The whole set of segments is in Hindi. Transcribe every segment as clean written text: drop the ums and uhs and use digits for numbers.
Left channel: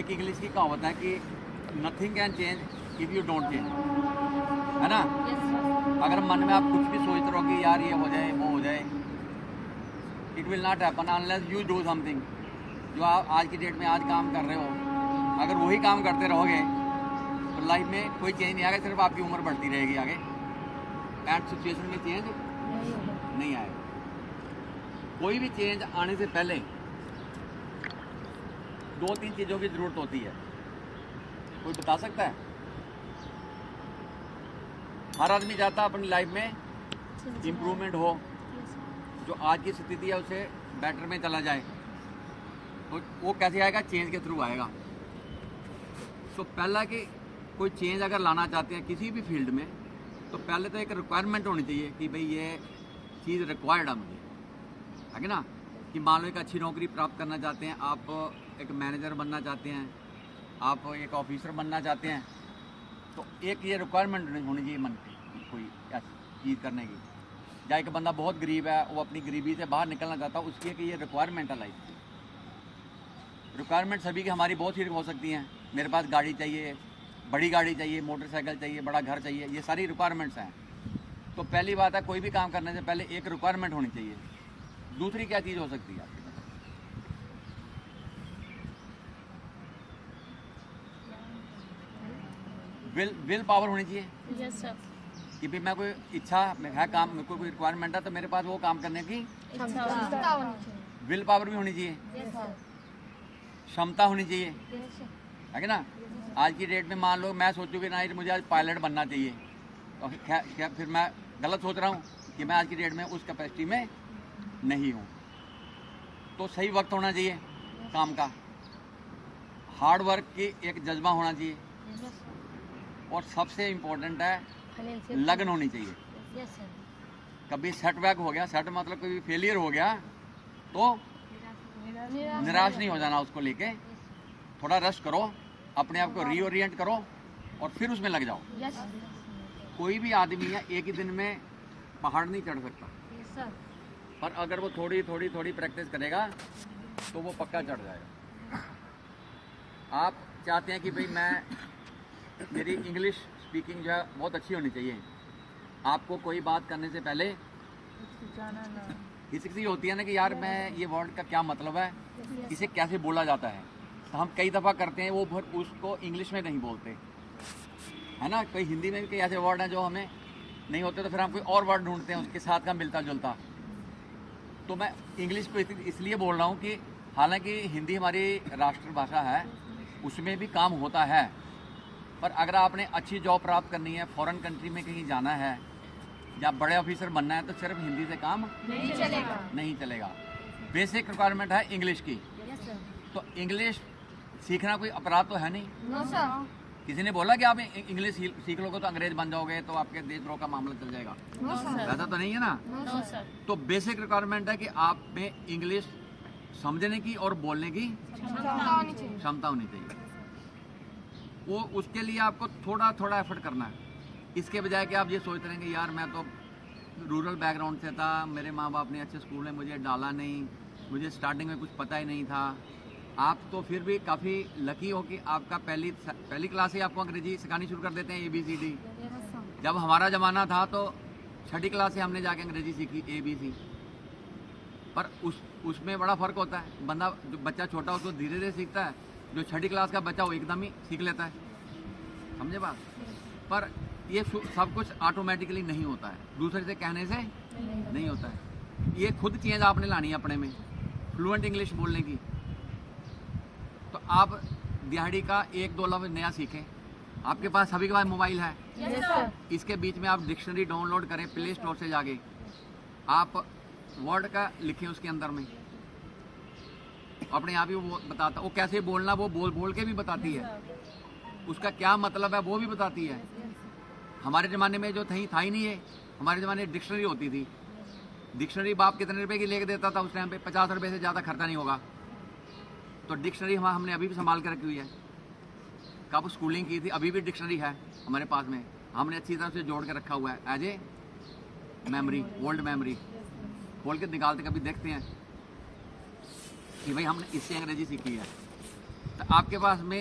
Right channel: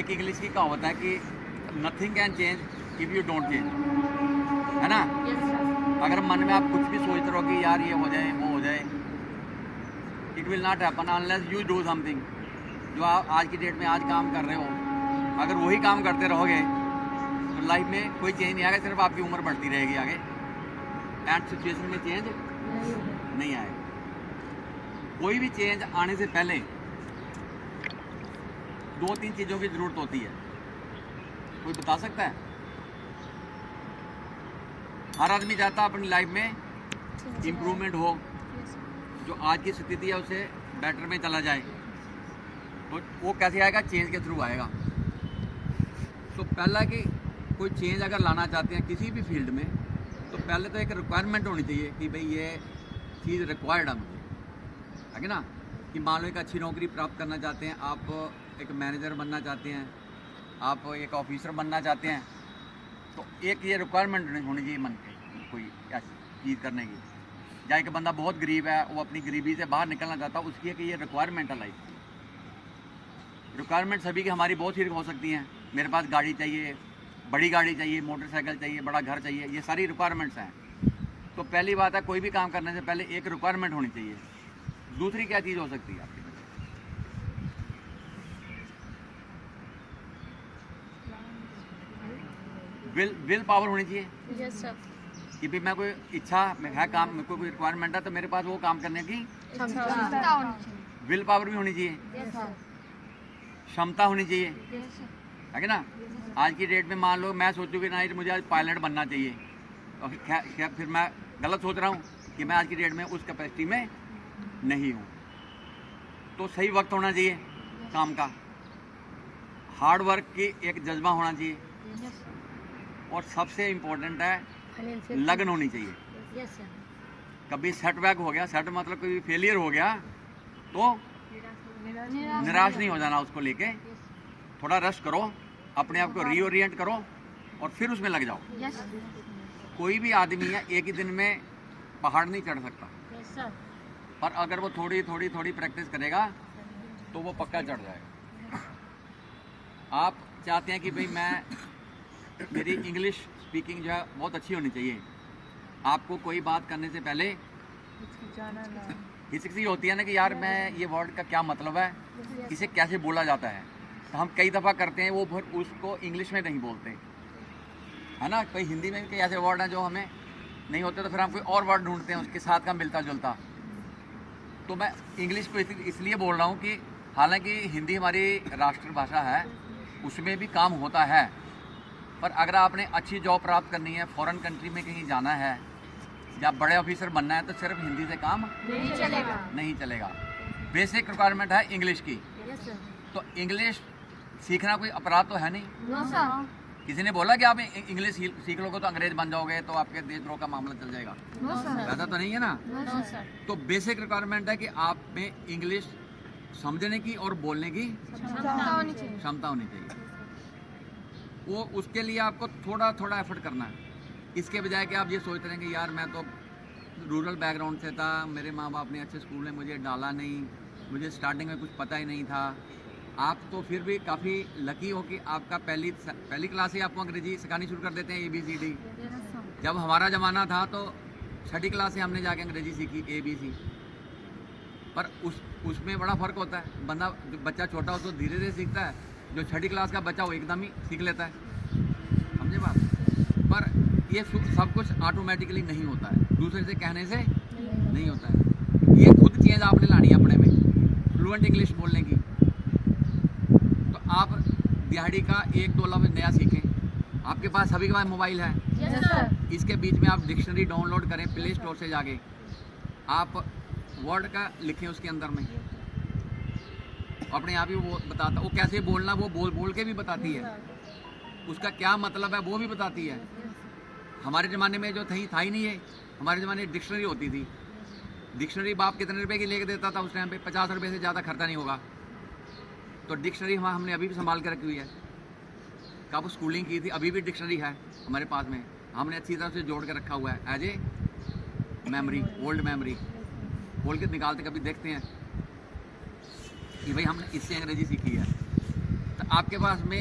एक इंग्लिश की कहावत है कि nothing can change if you don't change, है ना। Yes sir. अगर मन में आप कुछ भी सोचते रहो कि यार ये हो जाए वो हो जाए, it will not happen unless you do something. जो आप आज की डेट में आज काम कर रहे हो, अगर वही काम करते रहोगे तो लाइफ में कोई चेंज नहीं आएगा, सिर्फ आपकी उम्र बढ़ती रहेगी आगे, एंड सिचुएशन में चेंज नहीं होगा। नहीं आएगा। कोई भी चेंज आने से पहले दो तीन चीज़ों की ज़रूरत होती है। कोई बता सकता है? हर आदमी चाहता है अपनी लाइफ में इम्प्रूवमेंट हो, यस सर। जो आज की स्थिति है उसे बेटर में चला जाए। और वो कैसे आएगा? चेंज के थ्रू आएगा। तो पहला कि कोई चेंज अगर लाना चाहते हैं किसी भी फील्ड में, तो पहले तो एक रिक्वायरमेंट होनी चाहिए कि भाई ये चीज़ रिक्वायर्ड है मुझे, है ना। कि मान लो एक अच्छी नौकरी प्राप्त करना चाहते हैं, आप एक मैनेजर बनना चाहते हैं, आप एक ऑफिसर बनना चाहते हैं, तो एक ये रिक्वायरमेंट होनी चाहिए मन पे कोई ऐसी चीज़ करने की। या एक बंदा बहुत गरीब है, वो अपनी गरीबी से बाहर निकलना चाहता है, उसकी एक ये रिक्वायरमेंट है लाइफ की। रिक्वायरमेंट सभी की हमारी बहुत सी हो सकती हैं। मेरे पास गाड़ी चाहिए, बड़ी गाड़ी चाहिए, मोटरसाइकिल चाहिए, बड़ा घर चाहिए, ये सारी रिक्वायरमेंट्स हैं। तो पहली बात है, कोई भी काम करने से पहले एक रिक्वायरमेंट होनी चाहिए। दूसरी क्या चीज़ हो सकती है आपकी तरफ? विल पावर होनी चाहिए यस सर। कि भाई मैं कोई इच्छा में है काम, मेरे को कोई रिक्वायरमेंट है, तो मेरे पास वो काम करने की क्षमता विल पावर भी होनी चाहिए, यस सर। क्षमता होनी चाहिए, यस सर। है ना। आज की डेट में मान लो मैं सोचूँ कि नहीं मुझे आज पायलट बनना चाहिए, तो फिर मैं गलत सोच रहा हूँ कि मैं आज की डेट में उस कैपेसिटी में नहीं हूँ। तो सही वक्त होना चाहिए काम का, हार्ड वर्क की एक जज्बा होना चाहिए, और सबसे इम्पोर्टेंट है लगन होनी चाहिए। Yes sir. कभी सेटबैक हो गया, सेट मतलब कोई फेलियर हो गया, तो निराश नहीं हो जाना उसको लेके। थोड़ा रेस्ट करो, अपने आप को रीओरिएंट करो और फिर उसमें लग जाओ। यस कोई भी आदमी है एक ही दिन में पहाड़ नहीं चढ़ सकता, सर। पर अगर वो थोड़ी थोड़ी थोड़ी प्रैक्टिस करेगा तो वो पक्का चढ़ जाएगा। आप चाहते हैं कि भाई मेरी इंग्लिश स्पीकिंग जो है बहुत अच्छी होनी चाहिए। आपको कोई बात करने से पहले हिचकिचाहट होती है ना कि यार मैं ये वर्ड का क्या मतलब है, इसे कैसे बोला जाता है। तो हम कई दफ़ा करते हैं वो फिर उसको इंग्लिश में नहीं बोलते, है ना। कोई हिंदी में भी कई ऐसे वर्ड हैं जो हमें नहीं होते, तो फिर हम कोई और वर्ड ढूंढते हैं उसके साथ का मिलता जुलता। तो मैं इंग्लिश को इसलिए बोल रहा हूँ कि हालांकि हिंदी हमारी राष्ट्रभाषा है, उसमें भी काम होता है, पर अगर आपने अच्छी जॉब प्राप्त करनी है, फॉरेन कंट्री में कहीं जाना है या बड़े ऑफिसर बनना है, तो सिर्फ हिंदी से काम नहीं चलेगा। बेसिक रिक्वायरमेंट है इंग्लिश की। Yes sir. तो इंग्लिश सीखना कोई अपराध तो है नहीं। No sir. किसी ने बोला कि आप इंग्लिश सीख लोगे तो अंग्रेज बन जाओगे, तो आपके देशद्रोह का मामला चल जाएगा, नो सर। वैसा तो नहीं है ना। No sir. तो बेसिक रिक्वायरमेंट है कि आप में इंग्लिश समझने की और बोलने की क्षमता होनी चाहिए। वो उसके लिए आपको थोड़ा थोड़ा एफर्ट करना है। इसके बजाय कि आप ये सोचते रहेंगे यार मैं तो रूरल बैकग्राउंड से था, मेरे माँ बाप ने अच्छे स्कूल में मुझे डाला नहीं, मुझे स्टार्टिंग में कुछ पता ही नहीं था। आप तो फिर भी काफ़ी लकी हो कि आपका पहली क्लास से आपको अंग्रेजी सिखानी शुरू कर देते हैं, ABCD। जब हमारा ज़माना था तो छठी क्लास से हमने जाके अंग्रेजी सीखी, ABC। पर उसमें बड़ा फ़र्क होता है। जो बच्चा छोटा हो तो धीरे धीरे सीखता है, जो छठी क्लास का बच्चा वो एकदम ही सीख लेता है, समझे बात। पर ये सब कुछ ऑटोमेटिकली नहीं होता है, दूसरे से कहने से नहीं होता है। ये खुद चेंज आपने लानी है अपने में, फ्लुएंट इंग्लिश बोलने की। तो आप दिहाड़ी का 1-2 लफ्ज़ नया सीखें। आपके पास सभी के पास मोबाइल है, यस सर। इसके बीच में आप डिक्शनरी डाउनलोड करें प्ले स्टोर से जाके, आप वर्ड का लिखें उसके अंदर में, अपने आप ही वो बताता, वो कैसे बोलना वो बोल के भी बताती है, उसका क्या मतलब है वो भी बताती है। हमारे ज़माने में जो था ही नहीं है, हमारे ज़माने में डिक्शनरी होती थी। डिक्शनरी बाप कितने रुपए की लेके देता था उस टाइम पे? 50 रुपये से ज़्यादा खर्चा नहीं होगा। तो डिक्शनरी हमने अभी भी संभाल के रखी हुई है। कब स्कूलिंग की थी, अभी भी डिक्शनरी है हमारे पास में, हमने अच्छी तरह से जोड़ के रखा हुआ है as a memory, old memory. खोल के निकालते कभी देखते हैं कि भाई हमने इससे अंग्रेजी सीखी है। तो आपके पास में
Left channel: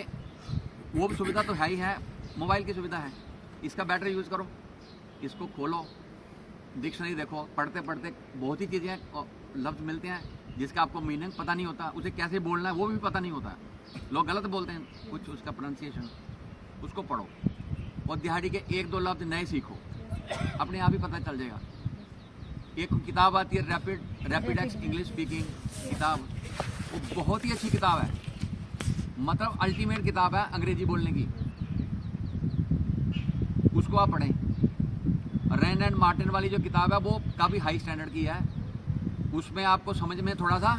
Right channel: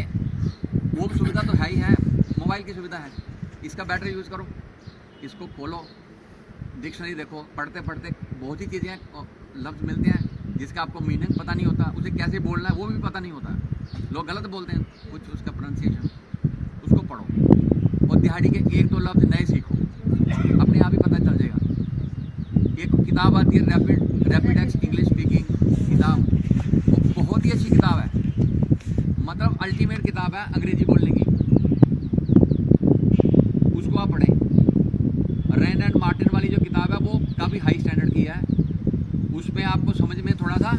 वो भी सुविधा तो है ही है, मोबाइल की सुविधा है, इसका बेटर यूज़ करो, इसको खोलो, डिक्शनरी देखो, पढ़ते पढ़ते बहुत ही चीज़ें लफ्ज़ मिलते हैं जिसका आपको मीनिंग पता नहीं होता, उसे कैसे बोलना है वो भी पता नहीं होता, लोग गलत बोलते हैं कुछ, उसका प्रोनाउंसिएशन, उसको पढ़ो और दिहाड़ी के 1-2 लफ्ज़ नए सीखो, अपने आप ही पता चल जाएगा। एक किताब आती है रैपिडेक्स इंग्लिश स्पीकिंग किताब, वो बहुत ही अच्छी किताब है, मतलब अल्टीमेट किताब है अंग्रेजी बोलने की, उसको आप पढ़ें। रेन एंड मार्टिन वाली जो किताब है वो काफ़ी हाई स्टैंडर्ड की है, उसमें आपको समझ में थोड़ा सा,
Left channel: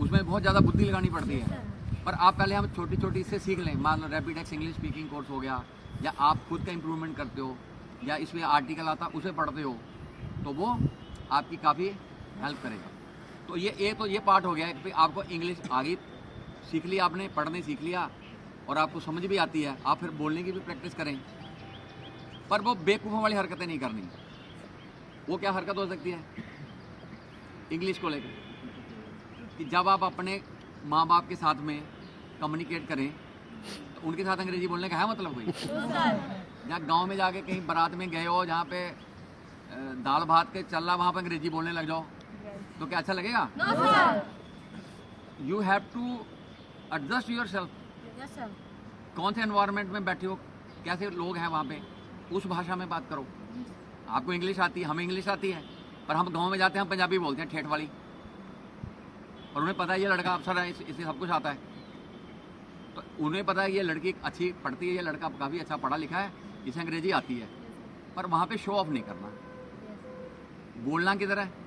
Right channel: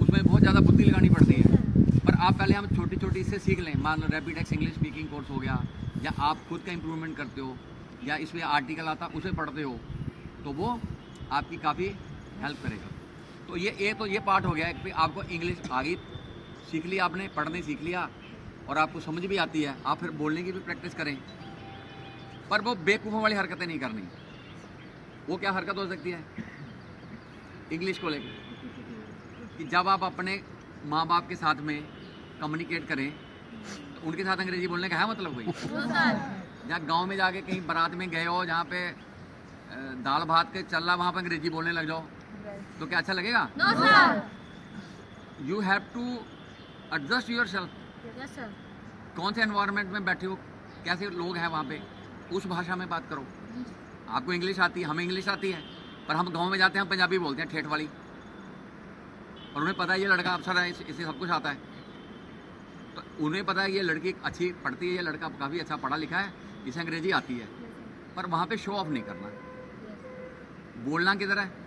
उसमें बहुत ज़्यादा बुद्धि लगानी पड़ती है, पर आप पहले हम छोटी छोटी इससे सीख लें। मान लो रैपिडेक्स इंग्लिश स्पीकिंग कोर्स हो गया, या आप खुद का इम्प्रूवमेंट करते हो, या इसमें आर्टिकल आता उसे पढ़ते हो, तो वो आपकी काफ़ी हेल्प करेगा। तो ये पार्ट हो गया कि आपको इंग्लिश आ गई, सीख लिया आपने, पढ़ने सीख लिया और आपको समझ भी आती है, आप फिर बोलने की भी प्रैक्टिस करें, पर वो बेवकूफ़ों वाली हरकतें नहीं करनी। वो क्या हरकत हो सकती है इंग्लिश को लेकर, कि जब आप अपने माँ बाप के साथ में कम्युनिकेट करें तो उनके साथ अंग्रेजी बोलने का है मतलब कोई? या गांव में जाके कहीं बारात में गए हो जहाँ पे दाल भात के चल रहा, वहाँ पे अंग्रेजी बोलने लग जाओ तो क्या अच्छा लगेगा? You have to adjust yourself. कौन से एनवायरनमेंट में बैठे हो, कैसे लोग हैं वहाँ पे, उस भाषा में बात करो। आपको इंग्लिश आती है, हमें इंग्लिश आती है, पर हम गांव में जाते हैं पंजाबी बोलते हैं ठेठ वाली, और उन्हें पता है ये लड़का अफसर है, इसे सब कुछ आता है, तो उन्हें पता है ये लड़की अच्छी पढ़ती है, ये लड़का काफ़ी अच्छा पढ़ा लिखा है, इसे अंग्रेजी आती है, पर वहाँ पे शो ऑफ नहीं करना, बोलना किधर है,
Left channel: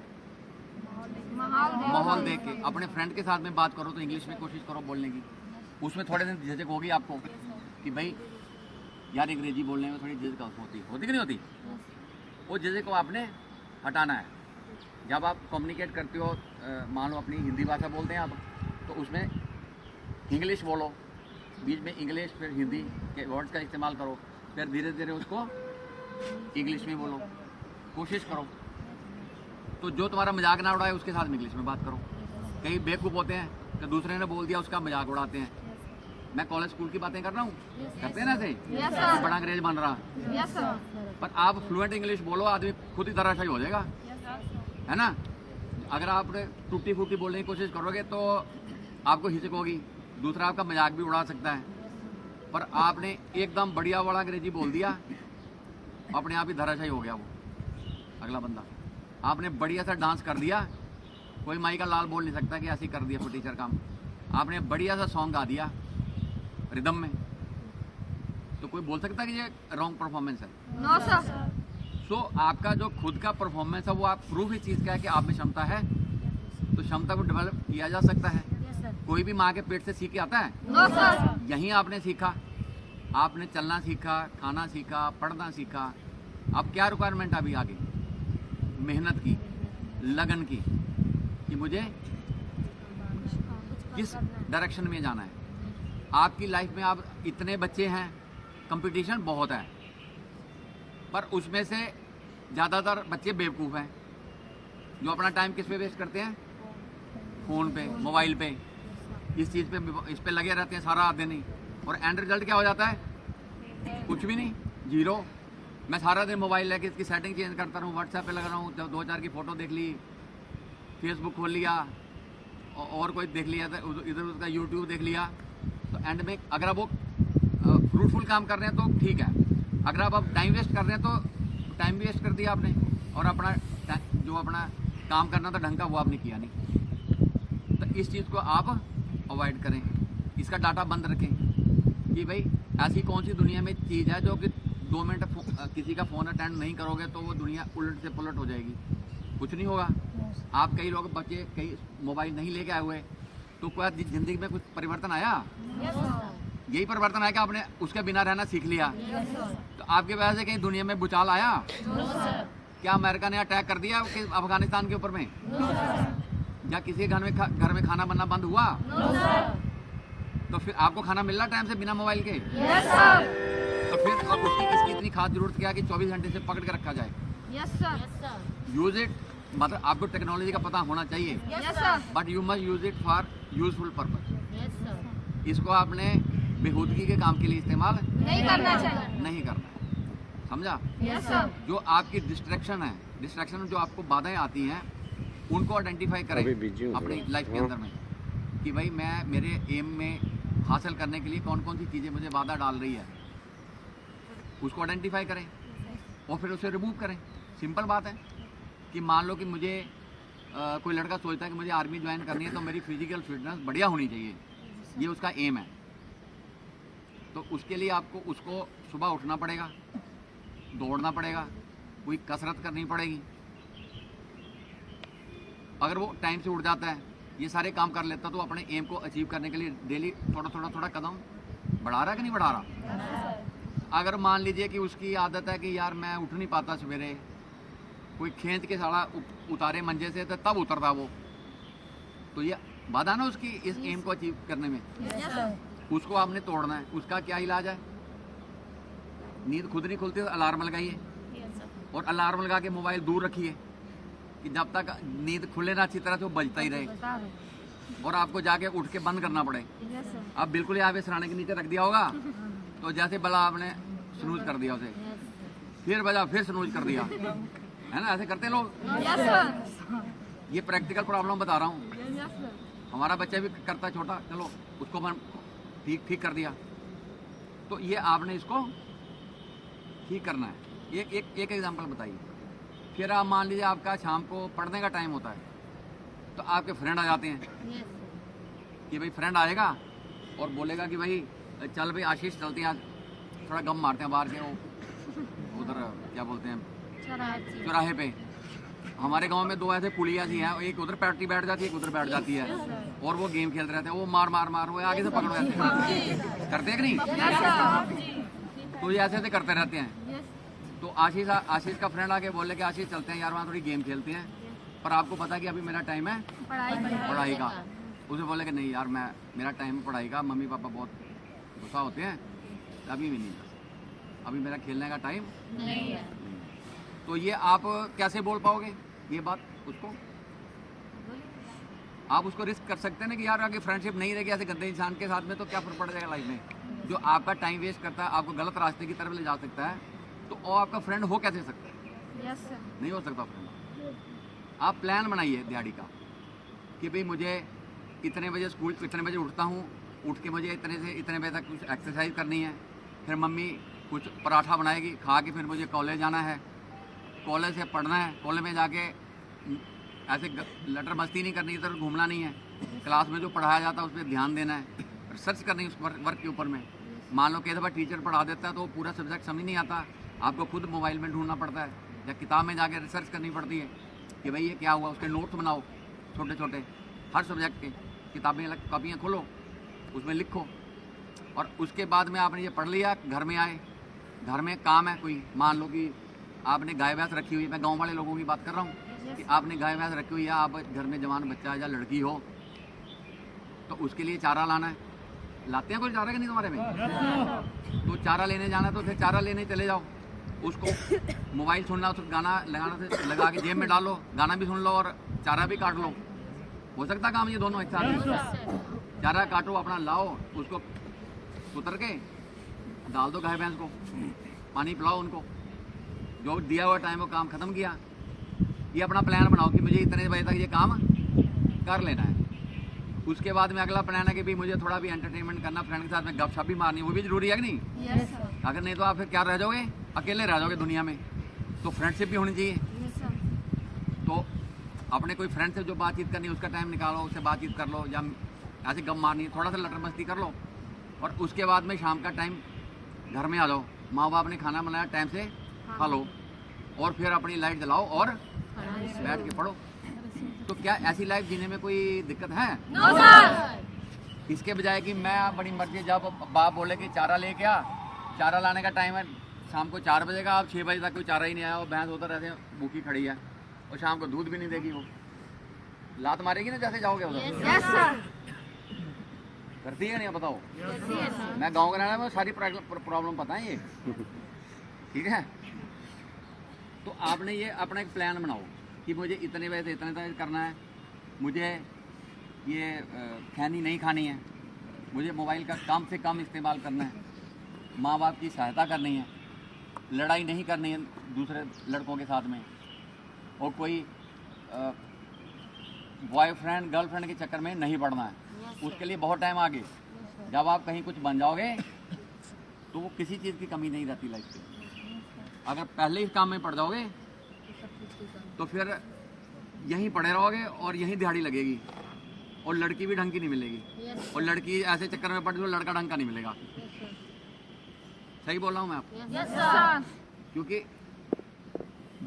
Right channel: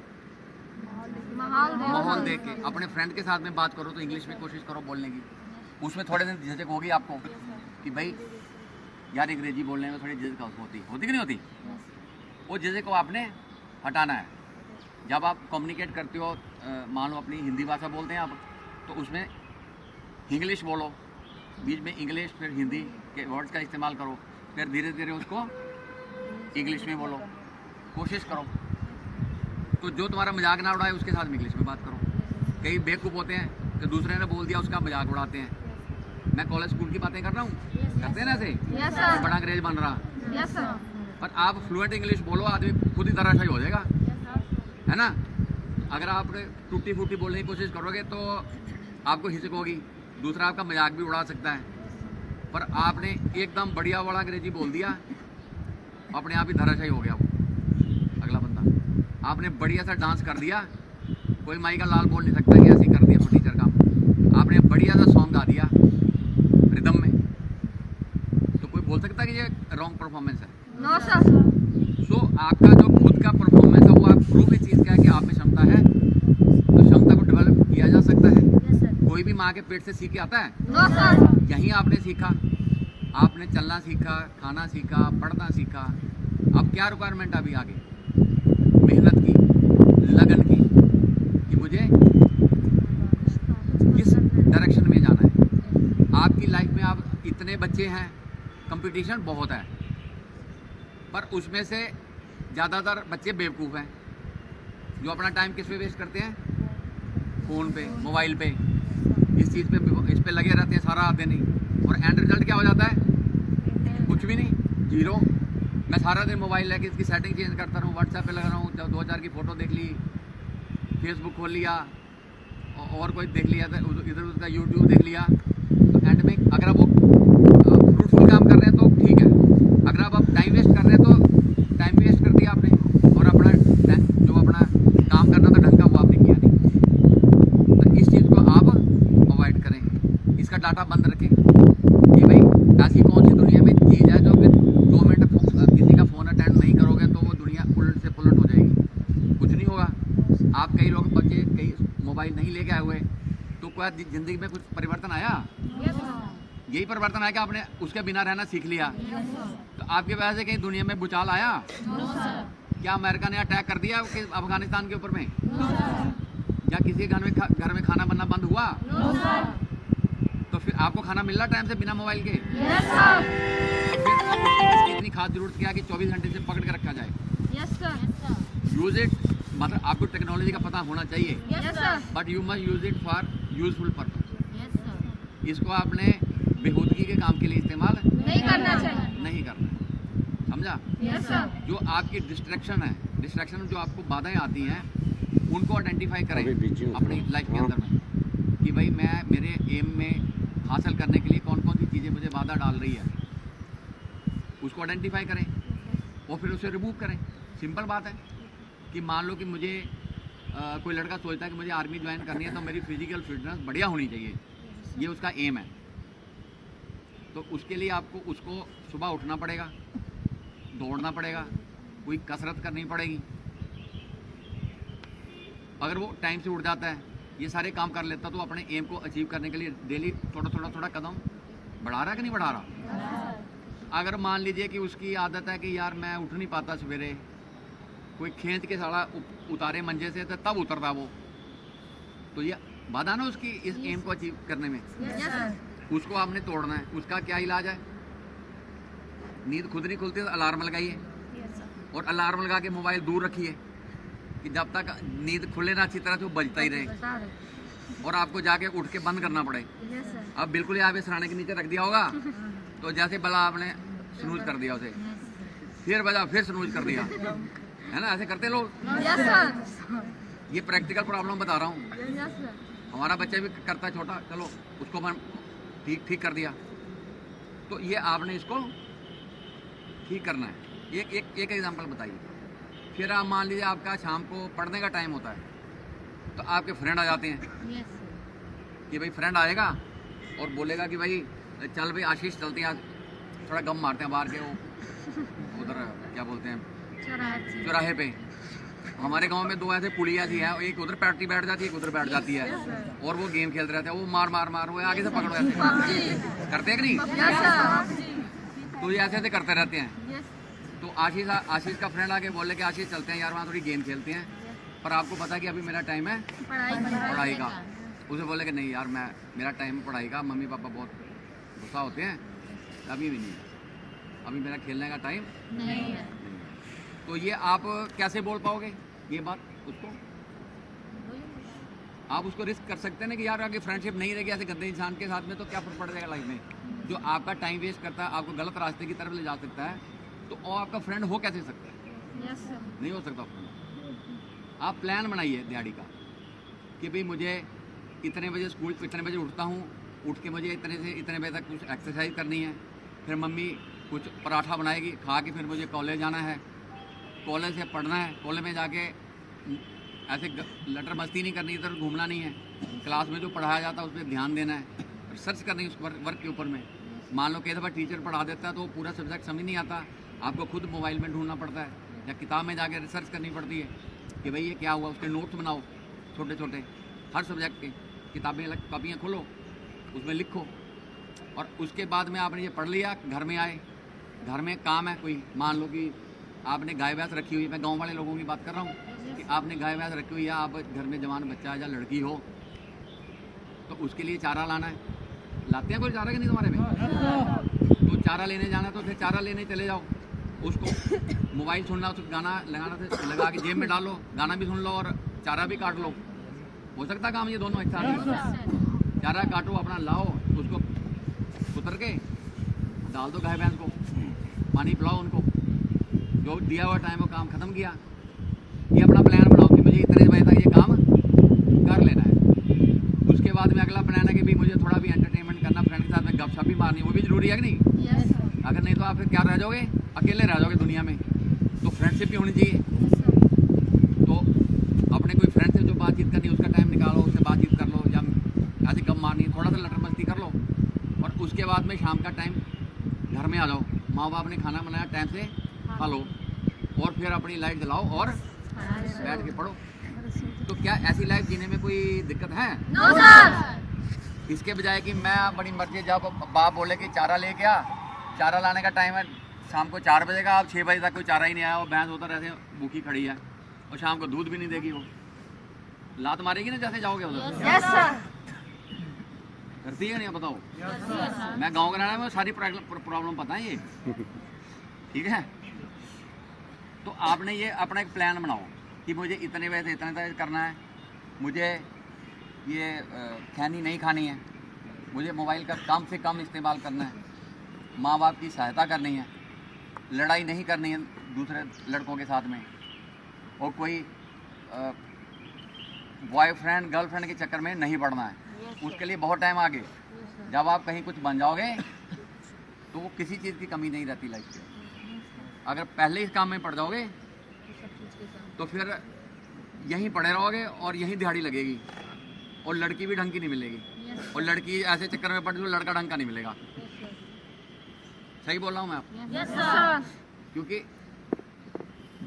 माहौल देख के। अपने फ्रेंड के साथ में बात करो तो इंग्लिश में कोशिश करो बोलने की, उसमें थोड़े दिन झिझक होगी आपको कि भाई यार अंग्रेजी बोलने में थोड़ी झिझक होती कि नहीं होती, वो झिझक को आपने हटाना है। जब आप कम्युनिकेट करते हो, मान लो अपनी हिंदी भाषा बोलते हैं आप, तो उसमें इंग्लिश बोलो, बीच में इंग्लिश फिर हिंदी के वर्ड्स का इस्तेमाल करो, फिर धीरे धीरे उसको इंग्लिश में बोलो, कोशिश करो। तो जो तुम्हारा मजाक ना उड़ाए उसके साथ में इंग्लिश में बात करो। कई बेवकूफ़ होते हैं कि दूसरे ने बोल दिया उसका मजाक उड़ाते हैं। मैं कॉलेज स्कूल की बातें कर रहा हूँ, करते हैं ना ऐसे, बड़ा अंग्रेज बन रहा, पर आप फ्लुएंट इंग्लिश बोलो, आदमी खुद ही धराशायी हो जाएगा, है ना। अगर आप टूटी फूटी बोलने की कोशिश करोगे तो आपको हिचक होगी, दूसरा आपका मजाक भी उड़ा सकता है, पर आपने एकदम बढ़िया वाला अंग्रेजी बोल दिया, अपने आप ही धराशायी हो गया वो अगला बंदा। आपने बढ़िया सा डांस कर दिया, कोई माई का लाल बोल नहीं सकता कि ऐसे ही कर दिया फटीचर काम। आपने बढ़िया सा सॉन्ग गा दिया रिदम में, तो कोई बोल सकता है कि ये रॉन्ग परफॉर्मेंस है? सो आपका जो खुद का परफॉर्मेंस है वो आप प्रूफ इस चीज़ का है कि आप में क्षमता है, तो क्षमता को डेवलप किया जा सकता है। कोई भी माँ के पेट से सीख के आता है? यहीं आपने सीखा, आपने चलना सीखा, खाना सीखा, पढ़ना सीखा। अब क्या रिक्वायरमेंट अभी आगे? मेहनत की, लगन की, कि मुझे किस डायरेक्शन में जाना है। आपकी लाइफ में आप इतने बच्चे हैं, कंपटीशन बहुत है, पर उसमें से ज़्यादातर बच्चे बेवकूफ़ हैं जो अपना टाइम किस पे वेस्ट करते हैं? फ़ोन पे, मोबाइल पे, इस चीज़ पे, इस पे लगे रहते हैं सारा दिन ही, और एंड रिजल्ट क्या हो जाता है? कुछ भी नहीं, जीरो। मैं सारा दिन मोबाइल लेके इसकी सेटिंग चेंज करता रहूँ, व्हाट्सएप पे लगा रहा हूँ, जब 2-4 की फ़ोटो देख ली, फेसबुक खोल लिया, और कोई देख लिया, इधर उसका यूट्यूब देख लिया, तो एंड में अगर आप वो फ्रूटफुल काम कर रहे हैं तो ठीक है, अगर आप टाइम वेस्ट कर रहे हैं तो टाइम वेस्ट कर दिया आपने, और अपना जो अपना काम करना था ढंग का वो आपने किया नहीं। तो इस चीज़ को आप अवॉइड करें, इसका डाटा बंद रखें कि भाई ऐसी कौन सी दुनिया में चीज़ है जो कि 2 मिनट किसी का फ़ोन अटेंड नहीं करोगे तो वो दुनिया उलट से पुलट हो जाएगी, कुछ नहीं होगा। आप कई लोग बच्चे कई मोबाइल नहीं लेके आए हुए, तो क्या ज़िंदगी में कुछ परिवर्तन आया? यही परिवर्तन आया कि आपने उसके बिना रहना सीख लिया। तो आपकी वजह से कहीं दुनिया में भूचाल आया? क्या अमेरिका ने अटैक कर दिया कि अफगानिस्तान के ऊपर में? या किसी घर में खाना बनना बंद हुआ? तो फिर आपको खाना मिल रहा टाइम से बिना मोबाइल के? तो फिर अब उसकी किसकी इतनी खास जरूरत क्या कि 24 घंटे से पकड़ के रखा जाए? यूज इट, मतलब आपको टेक्नोलॉजी का पता होना चाहिए, but you must use it for useful purpose. इसको आपने बेहूदगी के काम के लिए इस्तेमाल नहीं करना चाहिए। नहीं करना है, समझा? Yes sir. जो आपकी डिस्ट्रैक्शन है, डिस्ट्रैक्शन जो आपको बाधाएं आती हैं, उनको आइडेंटिफाई करें अपनी लाइफ के अंदर में कि भाई मैं मेरे एम में हासिल करने के लिए कौन कौन सी चीज़ें मुझे बाधा डाल रही है, उसको आइडेंटिफाई करें और फिर उसे रिमूव करें। सिंपल बात है कि मान लो कि मुझे कोई लड़का सोचता है कि मुझे आर्मी ज्वाइन करनी है तो मेरी फिजिकल फिटनेस बढ़िया होनी चाहिए, ये उसका एम है। तो उसके लिए आपको उसको सुबह उठना पड़ेगा, दौड़ना पड़ेगा, कोई कसरत करनी पड़ेगी। अगर वो टाइम से उठ जाता है, ये सारे काम कर लेता, तो अपने एम को अचीव करने के लिए डेली थोड़ा कदम बढ़ा रहा है कि नहीं बढ़ा रहा। अगर मान लीजिए कि उसकी आदत है कि यार मैं उठ नहीं पाता सवेरे, कोई खींच के साला उतारे मंजे से तो तब उतरता वो, तो ये बाधा ना उसकी इस एम को अचीव करने में। उसको आपने तोड़ना है। उसका क्या इलाज है? नींद खुद नहीं खुलती तो अलार्म लगाइए, और अलार्म लगा के मोबाइल दूर रखिए कि जब तक नींद खुले ना अच्छी तरह से वो बजता ही रहे, और आपको जाके उठ के बंद करना पड़े। अब बिल्कुल यहाँ पे सराहने के नीचे रख दिया होगा तो जैसे भला आपने स्नूज कर दिया उसे, फिर बजा, फिर स्नूज कर दिया, है ना? ऐसे करते लोग। ये प्रैक्टिकल प्रॉब्लम बता रहा हूँ। हमारा बच्चा भी करता है छोटा, चलो उसको मैं ठीक कर दिया। तो ये आपने इसको ठीक करना है। एक एग्जांपल बताइए। फिर आप मान लीजिए आपका शाम को पढ़ने का टाइम होता है, तो आपके फ्रेंड आ जाते हैं कि भाई फ्रेंड आएगा और बोलेगा कि भाई चल भाई आशीष चलते हैं, आज थोड़ा गम मारते हैं बाहर के वो उधर क्या बोलते हैं चौराहे पे। हमारे गांव में दो ऐसे पुलिया सी है, एक उधर पार्टी बैठ जाती है, एक उधर बैठ जाती है, और वो गेम खेलते रहते हैं। वो मार वो आगे से पकड़ो, ऐसे करते हैं कि नहीं? तो ये ऐसे करते रहते हैं। तो आशीष का फ्रेंड आके बोले कि आशीष चलते हैं यार वहाँ थोड़ी गेम खेलते हैं, पर आपको पता है कि अभी मेरा टाइम है पढ़ाई का। उसे बोले कि नहीं यार मेरा टाइम है पढ़ाई का, मम्मी पापा बहुत गुस्सा होते हैं, अभी भी नहीं, अभी मेरा खेलने का टाइम नहीं है। तो ये आप कैसे बोल पाओगे ये बात उसको? आप उसको रिस्क कर सकते हैं ना कि यार आगे फ्रेंडशिप नहीं रहेगी ऐसे गंदे इंसान के साथ में, तो क्या फर्क पड़ जाएगा लाइफ में? जो आपका टाइम वेस्ट करता है, आपको गलत रास्ते की तरफ ले जा सकता है, तो वो आपका फ्रेंड हो कैसे सकता है? नहीं हो सकता फ्रेंड। आप प्लान बनाइए दिहाड़ी का कि भाई मुझे इतने बजे स्कूल, इतने बजे उठता हूँ, उठ के मुझे इतने से इतने बजे तक कुछ एक्सरसाइज करनी है, फिर मम्मी कुछ पराठा बनाएगी, खा के फिर मुझे कॉलेज जाना है, कॉलेज से पढ़ना है, कॉलेज में जाके ऐसे लटर मस्ती नहीं करनी, इधर घूमना नहीं है, क्लास में जो पढ़ाया जाता है उस पर ध्यान देना है, रिसर्च करनी है उस वर्क के ऊपर में। मान लो कई दफ़ा टीचर पढ़ा देता है तो पूरा सब्जेक्ट समझ नहीं आता, आपको खुद मोबाइल में ढूंढना पड़ता है या किताब में जाके रिसर्च करनी पड़ती है कि भाई ये क्या हुआ। उसके नोट्स बनाओ छोटे छोटे, हर सब्जेक्ट के किताबें अलग कापियाँ खोलो, उसमें लिखो, और उसके बाद में आपने ये पढ़ लिया, घर में आए, घर में काम है कोई, मान लो कि आपने गाय भैंस रखी हुई है, मैं गांव वाले लोगों की बात कर रहा हूँ कि आपने गाय भैंस रखी हुई है, आप घर में जवान बच्चा है या लड़की हो, तो उसके लिए चारा लाना है। लाते हैं कोई चारा कि नहीं तुम्हारे में? तो चारा लेने जाना है तो फिर चारा लेने चले जाओ, उसको मोबाइल सुनना, उसको गाना लगाना से लगा के जेब में डालो, गाना भी सुन लो और चारा भी काट लो। हो सकता काम ये दोनों एक साथ? चारा काटो, अपना लाओ, उसको उतर के डाल दो गाय भैंस को, पानी पिलाओ उनको, जो दिया हुआ टाइम वो काम खत्म किया। ये अपना प्लान बनाओ कि मुझे इतने बजे तक ये काम कर लेना है। उसके बाद में अगला प्लान है कि भी मुझे थोड़ा भी एंटरटेनमेंट करना, फ्रेंड के साथ में गपशप भी मारनी, वो भी जरूरी है कि नहीं? अगर नहीं तो आप फिर क्या रह जाओगे, अकेले रह जाओगे दुनिया में। तो फ्रेंडशिप भी होनी चाहिए। तो अपने कोई फ्रेंड से जो बातचीत करनी है उसका टाइम निकालो, उससे बातचीत कर लो, या ऐसे गम मारनी है, थोड़ा सा लटर मस्ती कर लो, और उसके बाद में शाम का टाइम घर में आ जाओ, माँ बाप ने खाना बनाया टाइम से खा लो, और फिर अपनी लाइट जलाओ और बैठ के पढ़ो। तो क्या ऐसी लाइफ जीने में कोई दिक्कत है? No sir. इसके बजाय कि मैं बड़ी मर्जी, जब बाप बोले कि चारा लेके आ, चारा लाने का टाइम है शाम को 4 बजे का, आप 6 बजे तक कोई चारा ही नहीं आया, और भैंस उधर ऐसे भूखी खड़ी है और शाम को दूध भी नहीं देगी, वो लात मारेगी ना जैसे जाओगे उधर। Yes sir. करती है नहीं बताओ? मैं गाँव का रहना, में सारी प्रॉब्लम पता है ये, ठीक है? तो आपने ये अपना एक प्लान बनाओ कि मुझे इतने बजे से इतने तक करना है, मुझे ये खैनी नहीं खानी है, मुझे मोबाइल का कम से कम इस्तेमाल करना है, माँ बाप की सहायता करनी है, लड़ाई नहीं करनी है दूसरे लड़कों के साथ में, और कोई बॉयफ्रेंड गर्लफ्रेंड के चक्कर में नहीं पड़ना है। उसके लिए बहुत टाइम आगे, जब आप कहीं कुछ बन जाओगे तो वो किसी चीज़ की कमी नहीं रहती लाइफ में। अगर पहले इस काम में पड़ जाओगे तो फिर यहीं पड़े रहोगे और यहीं दिहाड़ी लगेगी, और लड़की भी ढंग की नहीं मिलेगी, और लड़की ऐसे चक्कर में पड़ जाओ लड़का ढंग का नहीं मिलेगा। सही बोल रहा हूँ मैं आपको? Yes sir. क्योंकि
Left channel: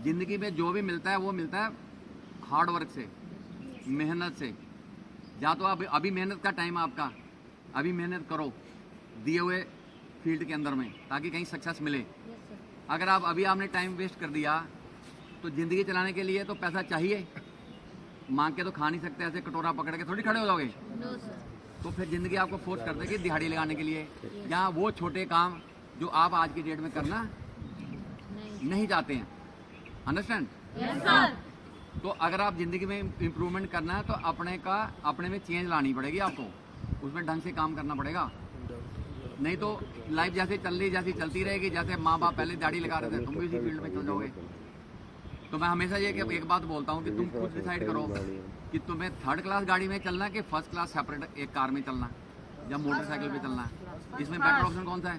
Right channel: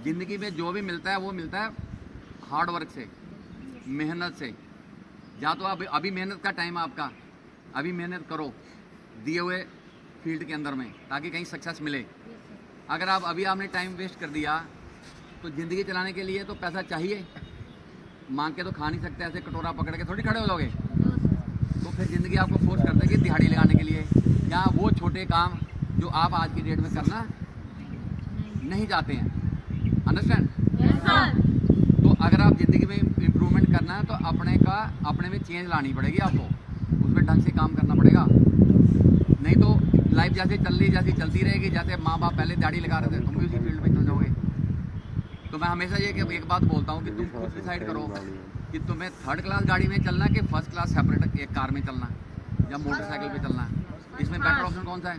ज़िंदगी में जो भी मिलता है वो मिलता है हार्ड वर्क से, मेहनत से। या तो अभी मेहनत का टाइम है आपका, अभी मेहनत करो दिए हुए फील्ड के अंदर में, ताकि कहीं सक्सेस मिले। अगर अभी आपने टाइम वेस्ट कर दिया तो ज़िंदगी चलाने के लिए तो पैसा चाहिए, मांग के तो खा नहीं सकते, ऐसे कटोरा पकड़ के थोड़ी खड़े हो जाओगे। तो फिर ज़िंदगी आपको फोर्स कर देगी दिहाड़ी लगाने के लिए, या वो छोटे काम जो आप आज की डेट में करना नहीं चाहते हैं। अंडरस्टैंड? Yes sir. तो अगर आप ज़िंदगी में इम्प्रूवमेंट करना है तो अपने में चेंज लानी पड़ेगी आपको, उसमें ढंग से काम करना पड़ेगा। नहीं तो लाइफ जैसे चल रही जैसी चलती रहेगी, जैसे माँ बाप पहले दाढ़ी लगा रहे थे तुम भी उसी फील्ड में चल जाओगे। तो मैं हमेशा ये कि एक बात बोलता हूँ कि तुम खुद डिसाइड करो कि तुम्हें थर्ड क्लास गाड़ी में चलना है कि फर्स्ट क्लास सेपरेट एक कार में चलना है या मोटरसाइकिल पे चलना है। इसमें बेटर ऑप्शन कौन सा है?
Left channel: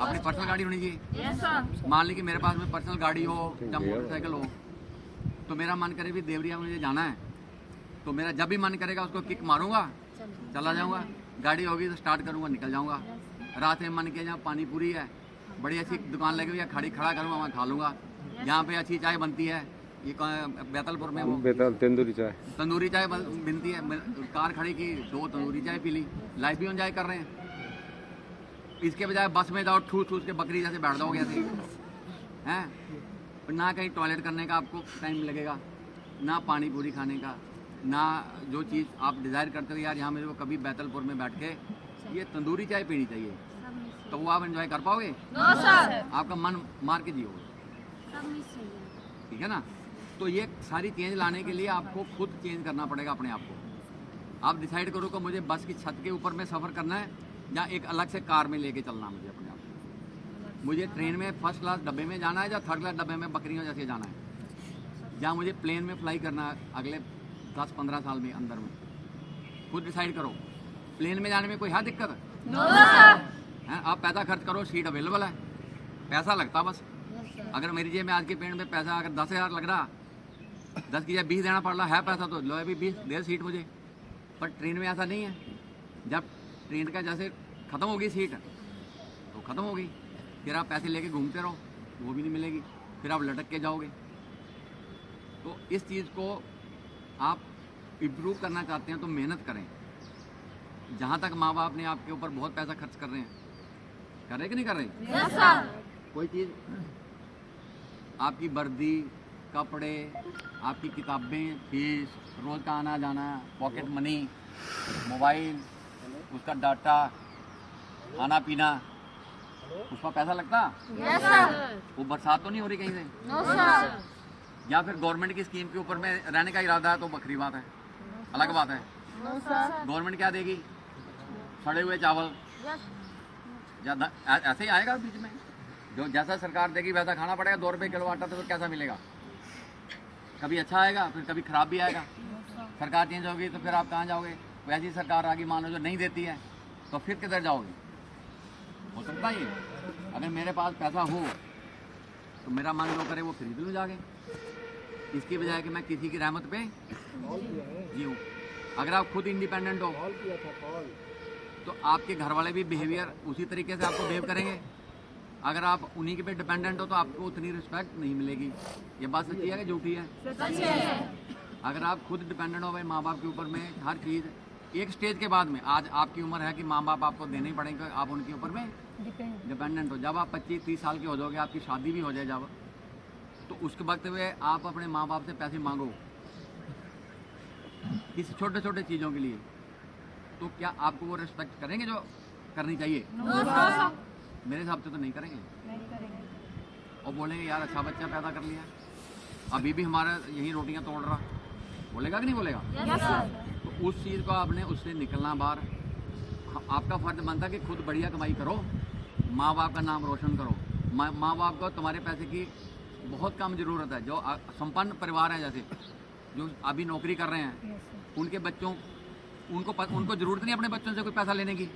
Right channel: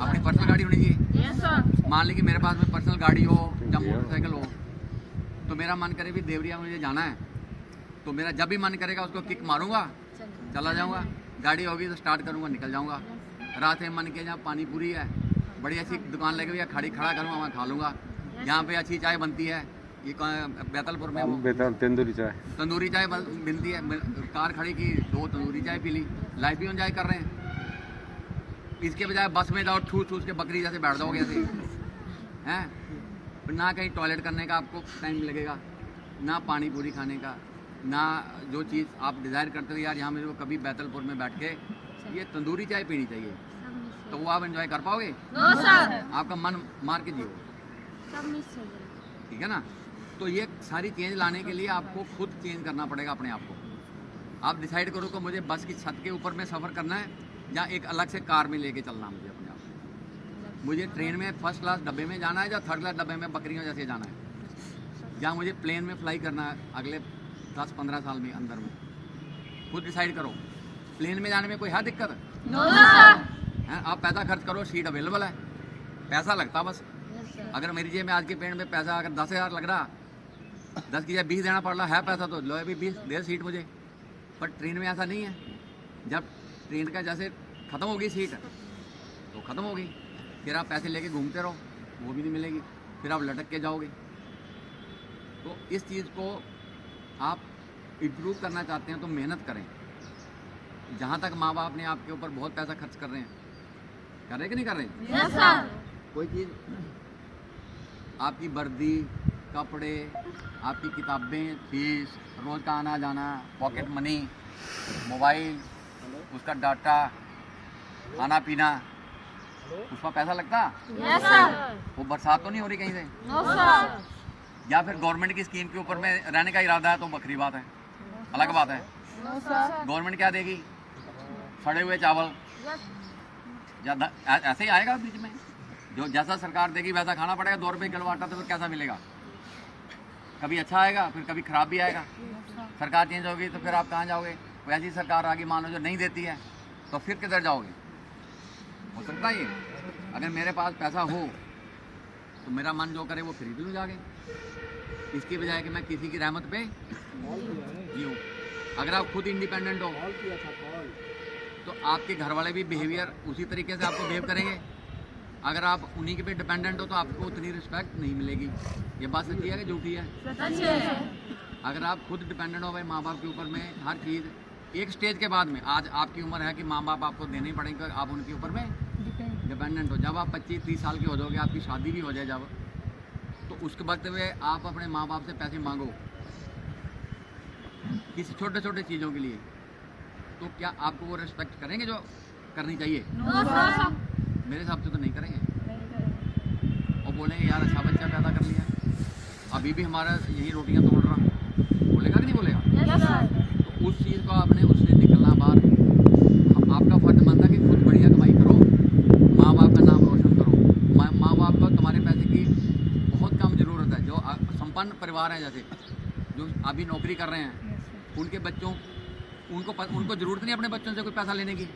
अपनी पर्सनल गाड़ी होनी चाहिए। Yes sir. मान ली कि मेरे पास में पर्सनल गाड़ी हो या मोटरसाइकिल हो, तो मेरा मन करे भी देवरिया में मुझे जाना है, तो मेरा जब भी मन करेगा उसको किक मारूंगा, चला जाऊंगा। गाड़ी होगी तो स्टार्ट करूंगा, निकल जाऊंगा। रात में मन किया जहाँ पानी पूरी है, बड़ी अच्छी दुकान लगी हुई है, खड़ा करूंगा, वहाँ खा लूँगा। यहाँ पे अच्छी चाय बनती है, ये बैतलपुर में वो तंदूरी चाय बनती है, कार खड़ी की 2 तंदूरी चाय पी ली, लाइफ भी एंजॉय कर रहे हैं। इसके बजाय बस में जाओ ठूस ठूस के बकरी जैसे बैठ जाओगे ऐसे हैं, ना कहीं टॉयलेट करने का आपको टाइम लगेगा, ना पानी पूरी खाने का, ना जो चीज़ आप डिज़ायर करते हो यार यहाँ मेरे को कभी बैतलपुर में बैठ के ये तंदूरी चाय पीनी चाहिए, तो वो आप एंजॉय कर पाओगे? No sir. आपका मन मार के जियो, ठीक है ना? तो ये सारी चेंज लाने के लिए आपको खुद चेंज करना पड़ेगा अपने आप को। आप डिसाइड करो कि मुझे बस की छत के ऊपर में सफ़र करना है या एक अलग से कार में लेके चलना है मुझे अपने आप को। मुझे ट्रेन में फर्स्ट क्लास डब्बे में जाना है या थर्ड क्लास डब्बे में बकरियों जैसे जाना है, या मुझे प्लेन में फ्लाई करना है अगले 10-15 साल में अंदर में। खुद डिसाइड करो। प्लेन में जाने में कोई है दिक्कत? No sir. है, आप पैसा खर्च करो, सीट अवेलेबल है, पैसा लगता बस। अगर मेरी जेब में आज के पेड़ में पैसा अगर 10,000 लग रहा, 10 की जगह 20 देना पड़ रहा है पैसा, तो लो अभी 20 दे सीट मुझे। पर ट्रेन में ऐसा नहीं है, जब ट्रेन का जैसे ख़त्म होगी सीट तो ख़त्म होगी, फिर आप पैसे लेके घूमते रहो, वो भी नहीं मिलेगी, फिर आप लटक के जाओगे। तो इस चीज़ को आप इम्प्रूव करना चाहते हैं तो मेहनत करें। जहाँ तक माँ बाप ने आपके ऊपर बहुत पैसा खर्च कर रहे हैं, कर रहे कि नहीं कर रहे? Yes sir. कोई चीज़ आपकी वर्दी, कपड़े, आपकी किताबें, फीस, रोज़ का आना जाना, पॉकेट मनी, मोबाइल, उसका डाटा, खाना पीना, उसका पैसा लगता? Yes sir. वो बरसात तो नहीं हो रही कहीं से? No sir. या फिर गवर्नमेंट की स्कीम के ऊपर में रहने का इरादा है तो बकरी बात है, अलग बात है। No sir. गवर्नमेंट क्या देगी? सड़े हुए चावल, ऐसे ही आएगा बीच में। जो जैसा सरकार देगी वैसा खाना पड़ेगा। 2 रुपये किलो आटा तो फिर कैसा मिलेगा? कभी अच्छा आएगा, फिर कभी ख़राब भी आएगा। सरकार चेंज होगी तो फिर आप कहाँ जाओगे? वैसी सरकार आगे मान लो जो नहीं देती है, तो फिर किधर जाओगे? हो सकता है ये, अगर मेरे पास पैसा हो तो मेरा मन जो करे वो खरीद लूँ जाके, इसकी बजाय कि मैं किसी की रहमत पे जीऊँ। अगर आप खुद इंडिपेंडेंट हो तो आपके घर वाले भी बिहेवियर उसी तरीके से आपको बिहेव करेंगे। अगर आप उन्हीं के पे डिपेंडेंट हो तो आपको उतनी रिस्पेक्ट नहीं मिलेगी। ये बात सच्ची है कि झूठी है? सच्ची है। अगर आप खुद डिपेंडेंट हो भाई माँ बाप के ऊपर में, हर चीज़ एक स्टेज के बाद में, आज आपकी उम्र है कि माँ बाप आपको देने ही पड़ेंगे, आप उनके ऊपर में डिपेंडेंट हो। जब आप 25-30 साल के हो जाओगे, आपकी शादी भी हो जाए जब, तो उसके वक्त में आप अपने माँ बाप से पैसे मांगो किसी छोटे छोटे चीज़ों के लिए, तो क्या आपको वो रिस्पेक्ट करेंगे जो करनी चाहिए? मेरे हिसाब से तो नहीं करेंगे। और बोलेंगे यार अच्छा बच्चा पैदा कर लिया, अभी भी हमारा यही रोटियां तोड़ रहा, बोलेगा कि नहीं बोलेगा? Yes sir. तो उस चीज़ को आपने उससे निकलना बाहर। आपका फर्ज बनता है कि खुद बढ़िया कमाई करो, माँ बाप का नाम रोशन करो। माँ बाप को तुम्हारे पैसे की बहुत कम ज़रूरत है। जो संपन्न परिवार हैं, जैसे जो अभी नौकरी कर रहे हैं, उनके बच्चों उनको ज़रूरत नहीं अपने बच्चों से कोई पैसा लेने की।